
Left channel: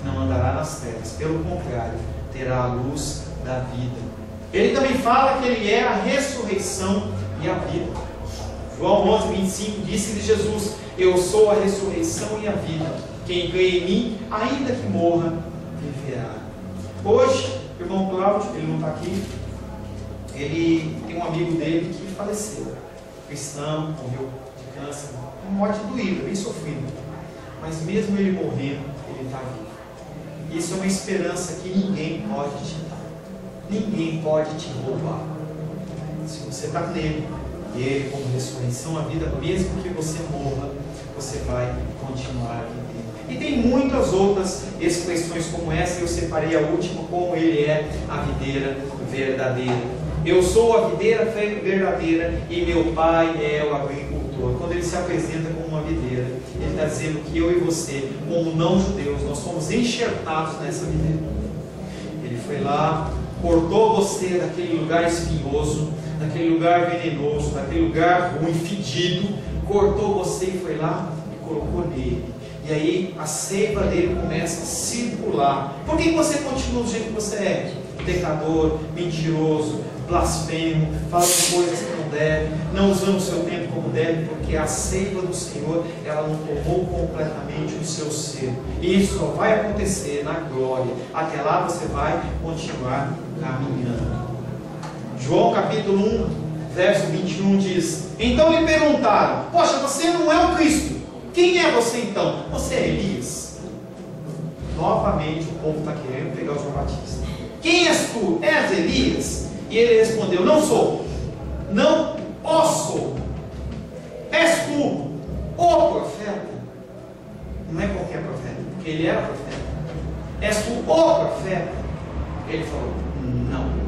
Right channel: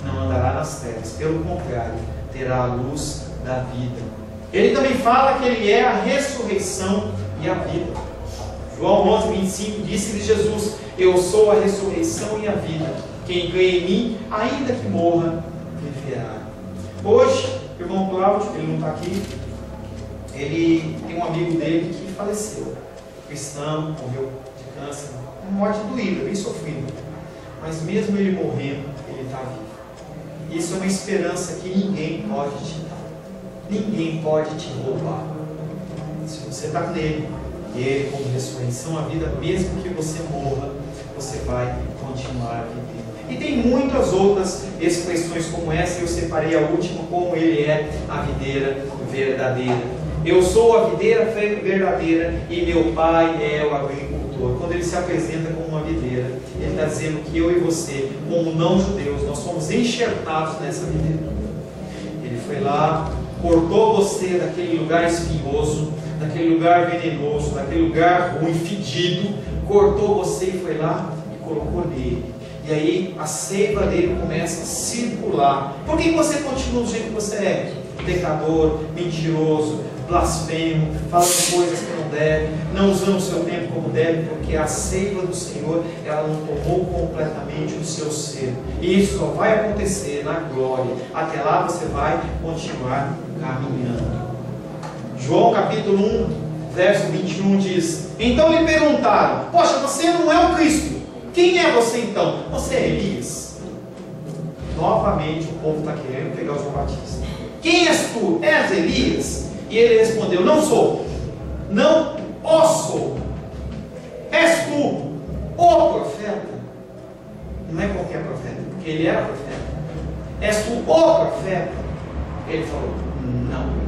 não andará nas trevas, pelo contrário, terá a luz da vida. Ele também fala que ele é a ressurreição e a vida. João 11,25 disse-lhe Jesus: eu sou a ressurreição e a vida, quem crê em mim, ainda que morra, viverá. Hoje, o irmão Cláudio, ele não está aqui, ele tem um amigo dele que faleceu, cristão, morreu de câncer, uma morte doída, bem sofrida, mas mesmo ele morrendo, ele está vivo. Isso é uma esperança que ninguém pode te dar, ninguém pode te roubar. Se você está nele, e ele como ressurreição, a vida, mesmo que você morra, você vai continuar vivendo. E tem muitas outras expressões como essa. Eu separei a última: como ele é a videira verdadeira. Eu sou a videira verdadeira e meu pai é o agricultor. Quando ele se apresenta como uma videira, ele está dizendo que eu e você, como não judeus, nós somos enxertados nessa videira. Ele foi lá, cortou você daquele lugar espinhoso, daquele lugar venenoso, daquele lugar ruim, fedido, cortou você e foi lá e colocou nele. E aí a seiva dele começa a circular. Por que você continua do jeito que você é? Pecador, mentiroso, blasfemo, falando coisas que não deve, não usando o seu tempo como deve, porque a seiva do Senhor, ela não tomou completamente o seu ser. E isso só vai acontecer na glória. Até lá você vai continuar caminhando. João capítulo 1, verso 21 diz: então lhe perguntaram: poxa, você não é o Cristo, quem é você então? Você é Elias? Novamente o povo está querendo pegar o João Batista. Quem és tu? És Elias? E ele respondeu: não sou, não o sou. És tu o profeta? Não é qualquer profeta, porque ele era profeta. És tu o profeta? Ele falou: não.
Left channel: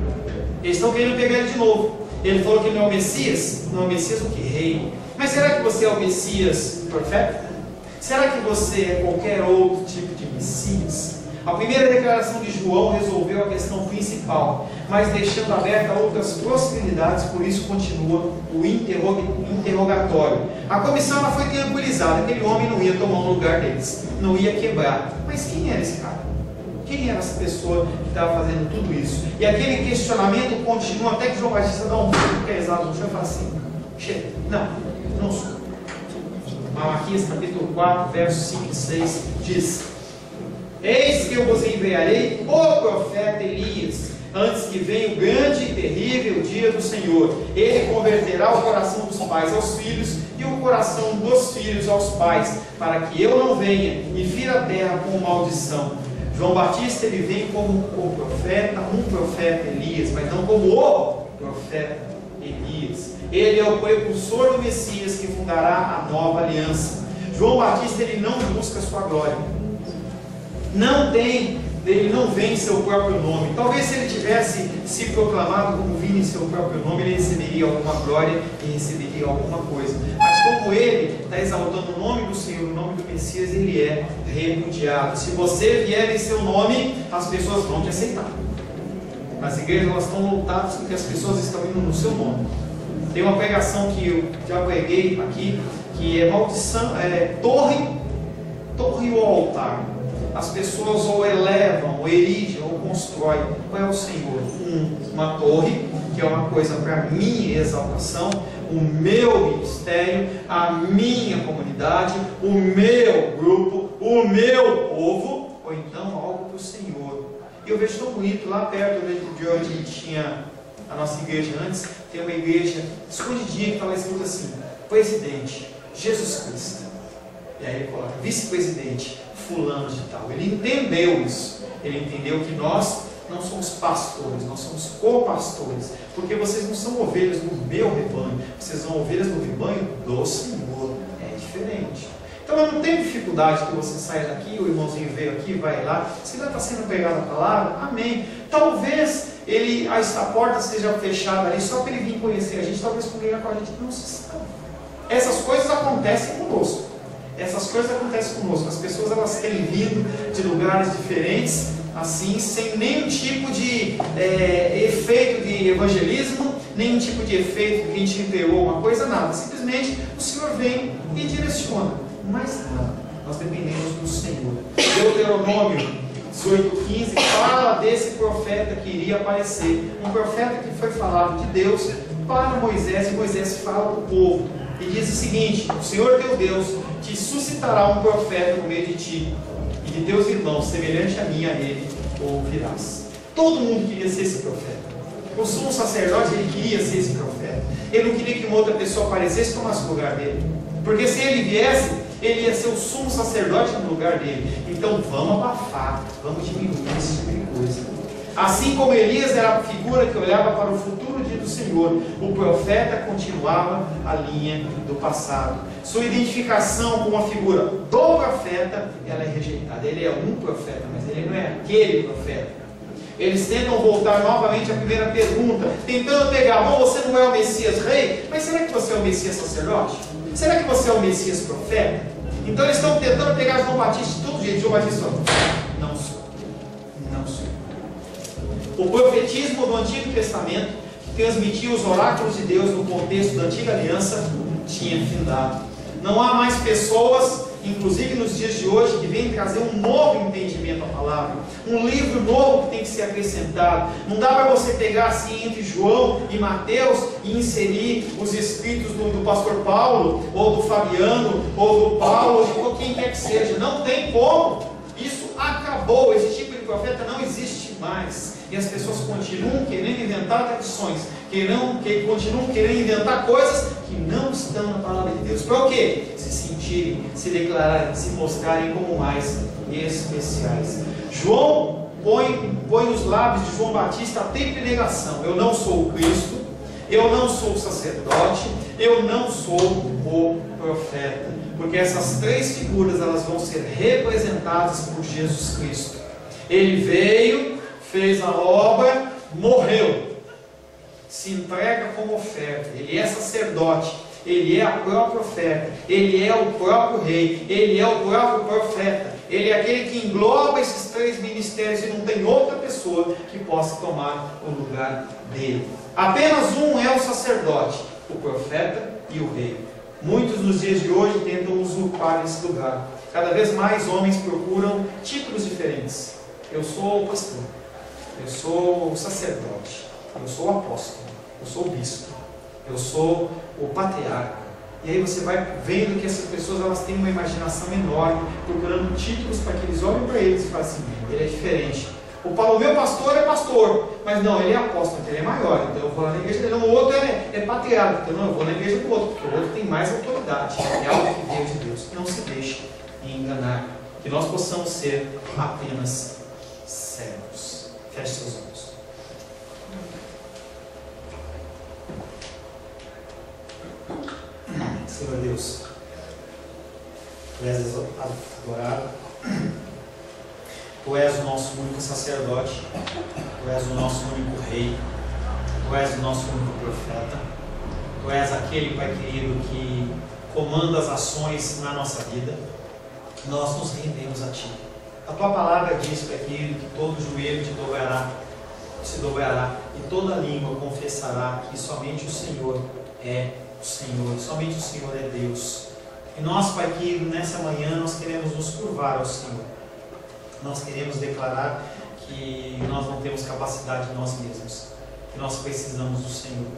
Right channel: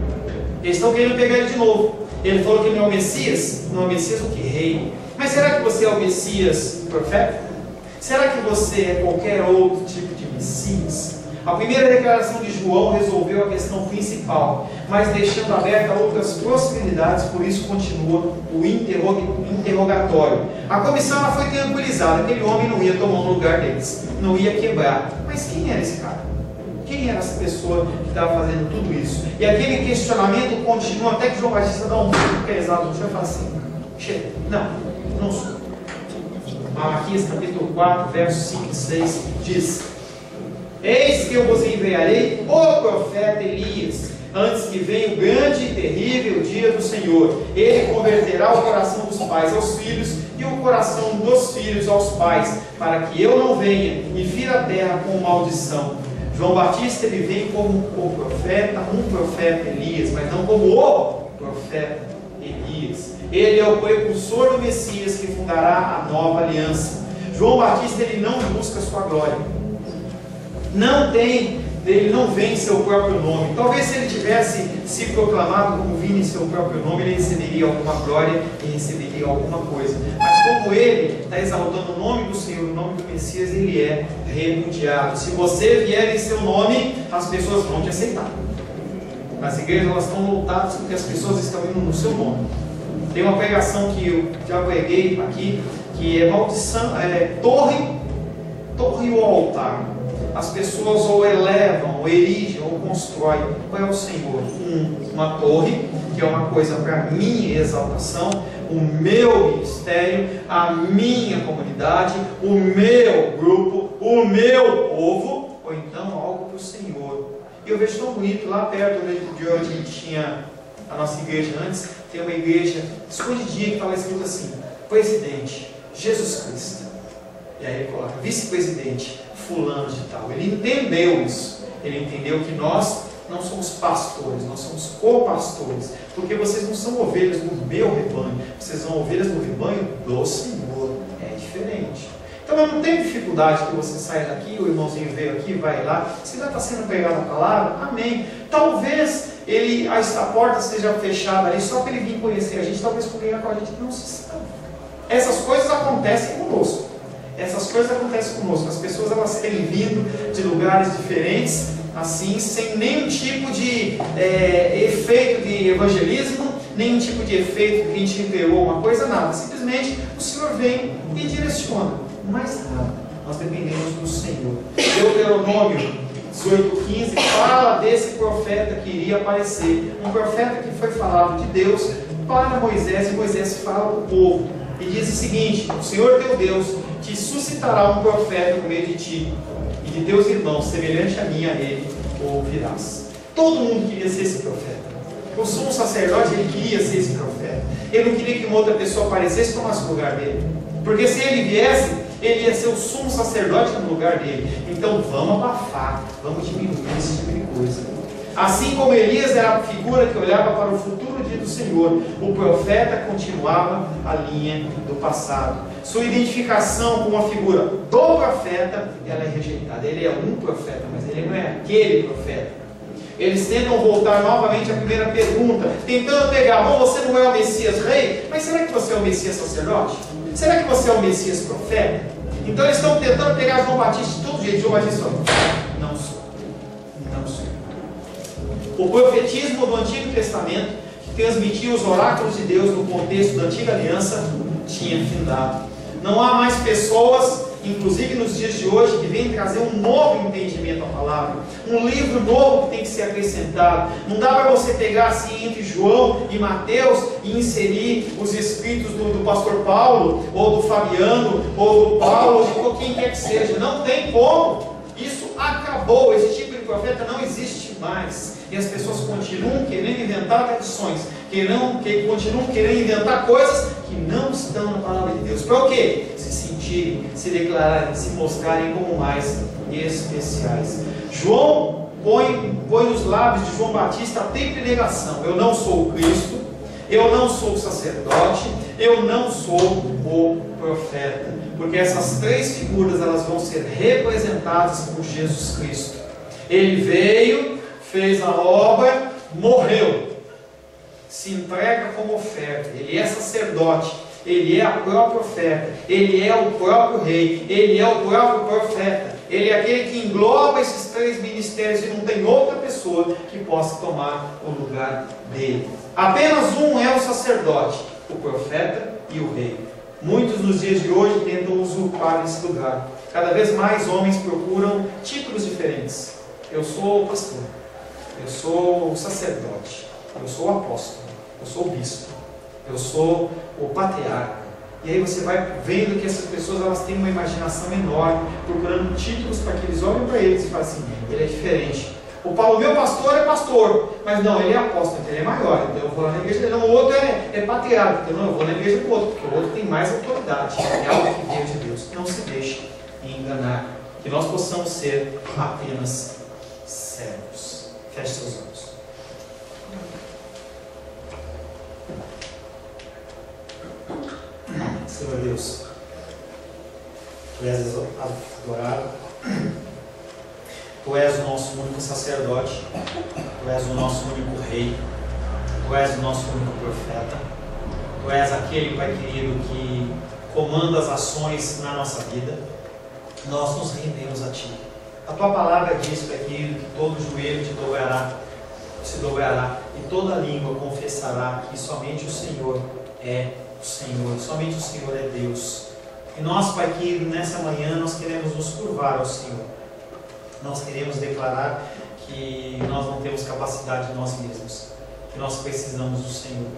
Eles estão querendo pegar ele de novo. Ele falou que ele não é o Messias. Não é o Messias o que? Rei. Mas será que você é o Messias profeta? Será que você é qualquer outro tipo de Messias? A primeira declaração de João resolveu a questão principal, mas deixando aberta outras possibilidades. Por isso continua o interrogatório. A comissão ela foi tranquilizada. Aquele homem não ia tomar um lugar deles, não ia quebrar. Mas quem era esse cara? Quem era essa pessoa que estava fazendo tudo isso? E aquele questionamento continua até que João Batista dá um pouco pesado no chão e fala assim: chega, não sou. Malaquias capítulo 4, versos 5 e 6 diz: eis que eu vos enviarei o profeta Elias, antes que venha o grande e terrível dia do Senhor. Ele converterá o coração dos pais aos filhos e o coração dos filhos aos pais, para que eu não venha e fira a terra com maldição. João Batista, ele vem como o profeta, um profeta Elias, mas não como o profeta Elias. Ele é o precursor do Messias que fundará a nova aliança. João Batista, ele não busca a sua glória. Ele não vem em seu próprio nome. Talvez se ele tivesse se proclamado como vindo em seu próprio nome, ele receberia alguma glória e receberia alguma coisa. Mas como ele está exaltando o nome do Senhor, o nome do Messias, ele é repudiado. Se você vier em seu nome, as pessoas vão te aceitar. As igrejas, elas estão lotadas porque as pessoas estão indo no seu nome. Tem uma pregação que eu já preguei aqui, que é maldição, torre ou altar. As pessoas ou elevam, ou erigem, ou constroem. Qual é o Senhor? Uma torre, que é uma coisa para minha exaltação, o meu ministério, a minha comunidade, o meu grupo, o meu povo, ou então algo para o Senhor. E eu vejo tão bonito, lá perto de onde a gente tinha a nossa igreja antes, tem uma igreja escondidinha que está escrito assim: presidente Jesus Cristo. E aí ele coloca vice-presidente fulano de tal. Ele entendeu isso. Ele entendeu que nós não somos pastores, nós somos co-pastores. Porque vocês não são ovelhas no meu rebanho, vocês são ovelhas no rebanho do Senhor. É diferente. Então eu não tenho dificuldade que você saia daqui, o irmãozinho veio aqui, vai lá. Se já está sendo pregada a palavra, amém. Talvez a porta esteja fechada ali só para ele vir conhecer a gente, talvez congregar com a gente, não se sabe. Essas coisas acontecem conosco. Essas coisas acontecem conosco. As pessoas, elas têm vindo de lugares diferentes, assim, sem nenhum tipo de efeito de evangelismo, nenhum tipo de efeito que a gente entregou uma coisa, nada. Simplesmente o Senhor vem e direciona. Mas nada. Nós dependemos do Senhor. Deuteronômio 18:15 fala desse profeta que iria aparecer. Um profeta que foi falado de Deus para Moisés, e Moisés fala para o povo. E diz o seguinte: o Senhor teu Deus te suscitará um profeta no meio de ti, e de teus irmãos, semelhante a mim, a ele ouvirás. Todo mundo queria ser esse profeta. O sumo sacerdote, ele queria ser esse profeta. Ele não queria que uma outra pessoa aparecesse e tomasse o lugar dele. Porque se ele viesse, ele ia ser o sumo sacerdote no lugar dele. Então vamos abafar, vamos diminuir esse tipo de coisa. Assim como Elias era a figura que olhava para o futuro dia do Senhor, o profeta continuava a linha do passado. Sua identificação com a figura do profeta, ela é rejeitada. Ele é um profeta, mas ele não é aquele profeta. Eles tentam voltar novamente à primeira pergunta, tentando pegar: bom, você não é o Messias rei, mas será que você é o Messias sacerdote? Será que você é o Messias profeta? Então eles estão tentando pegar João Batista de todo jeito. João Batista falou: não sou. Não sou. O profetismo do Antigo Testamento, que transmitia os oráculos de Deus no contexto da Antiga Aliança, tinha findado. Não há mais pessoas, inclusive nos dias de hoje, que vêm trazer um novo entendimento à palavra, um livro novo que tem que ser acrescentado. Não dá para você pegar assim entre João e Mateus e inserir os escritos do pastor Paulo, ou do Fabiano, ou do Paulo, ou de quem quer que seja. Não tem como. Isso acabou. Esse tipo de profeta não existe mais. E as pessoas continuam querendo inventar tradições, continuam querendo inventar coisas que não estão na palavra de Deus. Para o quê? Se sentirem, se declararem, se mostrarem como mais especiais. João põe nos lábios de João Batista a tripla negação: eu não sou o Cristo, eu não sou o sacerdote, eu não sou o profeta. Porque essas três figuras, elas vão ser representadas por Jesus Cristo. Ele veio, fez a obra, morreu, se entrega como oferta. Ele é sacerdote, ele é o próprio profeta, ele é o próprio rei, ele é o próprio profeta. Ele é aquele que engloba esses três ministérios e não tem outra pessoa que possa tomar o lugar dele. Apenas um é o sacerdote, o profeta e o rei. Muitos nos dias de hoje tentam usurpar esse lugar. Cada vez mais homens procuram títulos diferentes. Eu sou o pastor, eu sou o sacerdote, eu sou o apóstolo, eu sou o bispo, eu sou o patriarca. E aí você vai vendo que essas pessoas, elas têm uma imaginação enorme, procurando títulos para que eles olhem para eles e falem assim: ele é diferente. O Paulo, meu pastor é pastor, mas não, ele é apóstolo, então ele é maior, então eu vou lá na igreja dele. Não, o outro é patriarca, então não, eu vou na igreja do outro, porque o outro tem mais autoridade, é algo que veio de Deus. Não se deixe enganar, que nós possamos ser apenas servos. Feche seus olhos. Senhor Deus, Tu és adorado, Tu és o nosso único sacerdote, Tu és o nosso único rei, Tu és o nosso único profeta, Tu és aquele, Pai querido, que comanda as ações na nossa vida. Nós nos rendemos a Ti. A Tua palavra diz, Pai querido, que todo joelho se dobrará e toda língua confessará que somente o Senhor é o Senhor, somente o Senhor é Deus. E nós, Pai querido, nessa manhã nós queremos nos curvar ao Senhor. Nós queremos declarar que nós não temos capacidade de nós mesmos, que nós precisamos do Senhor.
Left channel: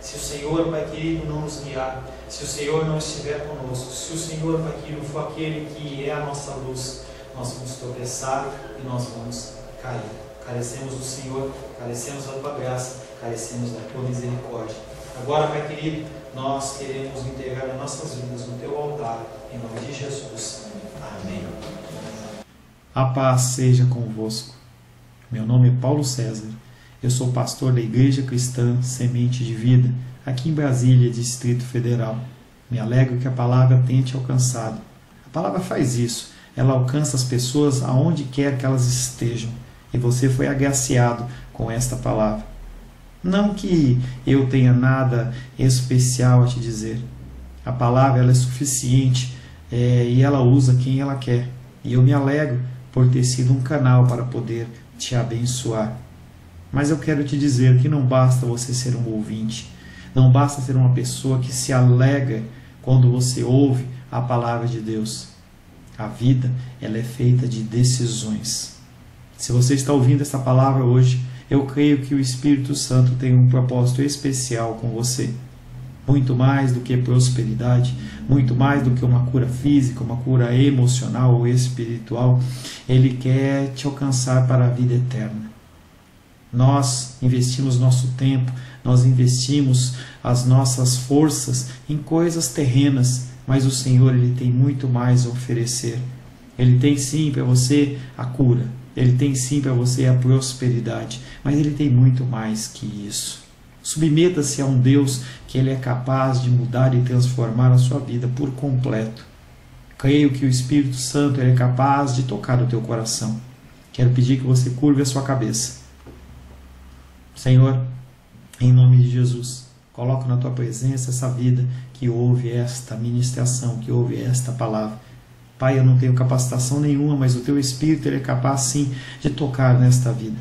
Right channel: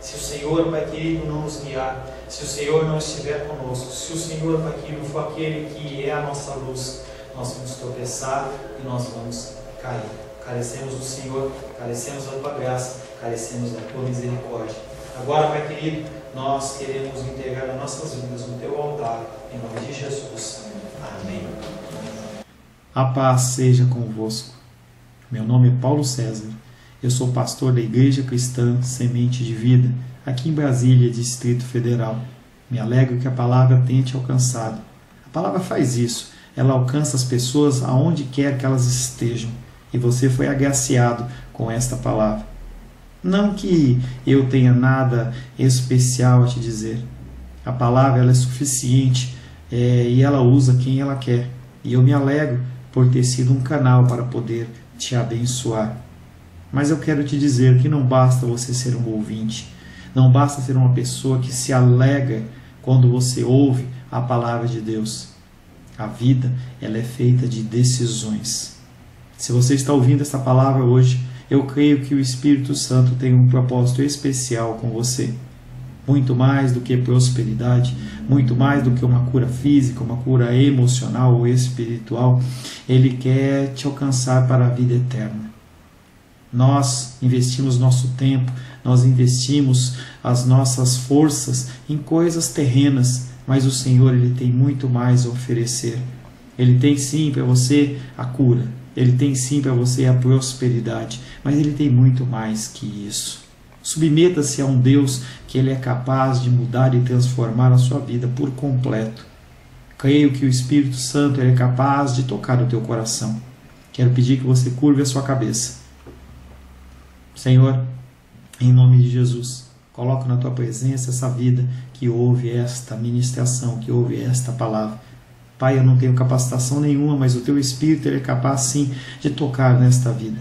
Se o Senhor, Pai querido, não nos guiar, se o Senhor não estiver conosco, se o Senhor, Pai querido, for aquele que é a nossa luz, nós vamos tropeçar e nós vamos cair. Carecemos do Senhor, carecemos da Tua graça, carecemos da Tua misericórdia. Agora, Pai querido, nós queremos integrar as nossas vidas no Teu altar, em nome de Jesus. Amém. A paz seja convosco. Meu nome é Paulo César. Eu sou pastor da Igreja Cristã Semente de Vida, aqui em Brasília, Distrito Federal. Me alegro que a palavra tenha te alcançado. A palavra faz isso. Ela alcança as pessoas aonde quer que elas estejam. E você foi agraciado com esta palavra. Não que eu tenha nada especial a te dizer. A palavra ela é suficiente e ela usa quem ela quer. E eu me alegro por ter sido um canal para poder te abençoar. Mas eu quero te dizer que não basta você ser um ouvinte. Não basta ser uma pessoa que se alegra quando você ouve a palavra de Deus. A vida ela é feita de decisões. Se você está ouvindo essa palavra hoje, eu creio que o Espírito Santo tem um propósito especial com você. Muito mais do que prosperidade, muito mais do que uma cura física, uma cura emocional ou espiritual, Ele quer te alcançar para a vida eterna. Nós investimos nosso tempo, nós investimos as nossas forças em coisas terrenas, mas o Senhor Ele tem muito mais a oferecer. Ele tem sim para você a cura, Ele tem sim para você a prosperidade, mas Ele tem muito mais que isso. Submeta-se a um Deus que Ele é capaz de mudar e transformar a sua vida por completo. Creio que o Espírito Santo Ele é capaz de tocar o teu coração. Quero pedir que você curve a sua cabeça. Senhor, em nome de Jesus, coloco na Tua presença essa vida que ouve esta ministração, que ouve esta palavra. Pai, eu não tenho capacitação nenhuma, mas o Teu Espírito Ele é capaz sim de tocar nesta vida,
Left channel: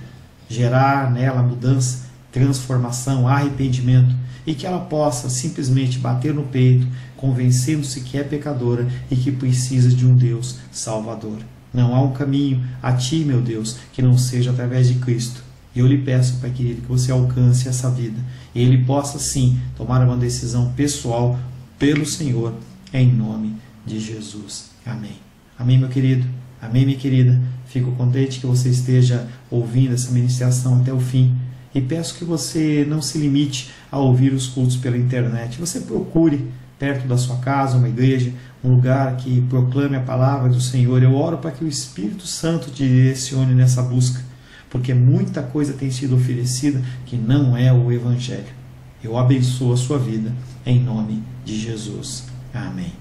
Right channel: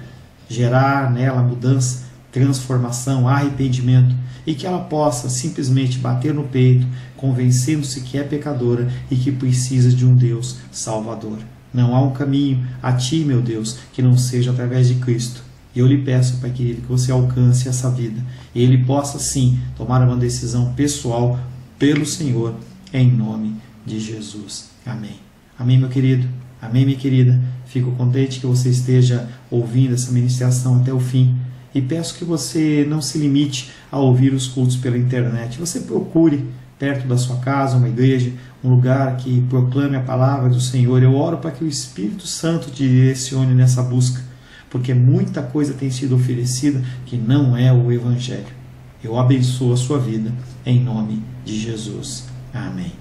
gerar nela mudança, transformação, arrependimento, e que ela possa simplesmente bater no peito, convencendo-se que é pecadora e que precisa de um Deus salvador. Não há um caminho a Ti, meu Deus, que não seja através de Cristo. E eu lhe peço, Pai querido, que você alcance essa vida e Ele possa sim tomar uma decisão pessoal pelo Senhor, em nome de Jesus. Amém. Amém, meu querido. Amém, minha querida. Fico contente que você esteja ouvindo essa ministração até o fim. E peço que você não se limite a ouvir os cultos pela internet. Você procure perto da sua casa uma igreja, um lugar que proclame a palavra do Senhor. Eu oro para que o Espírito Santo te direcione nessa busca, porque muita coisa tem sido oferecida que não é o Evangelho. Eu abençoo a sua vida em nome de Jesus. Amém.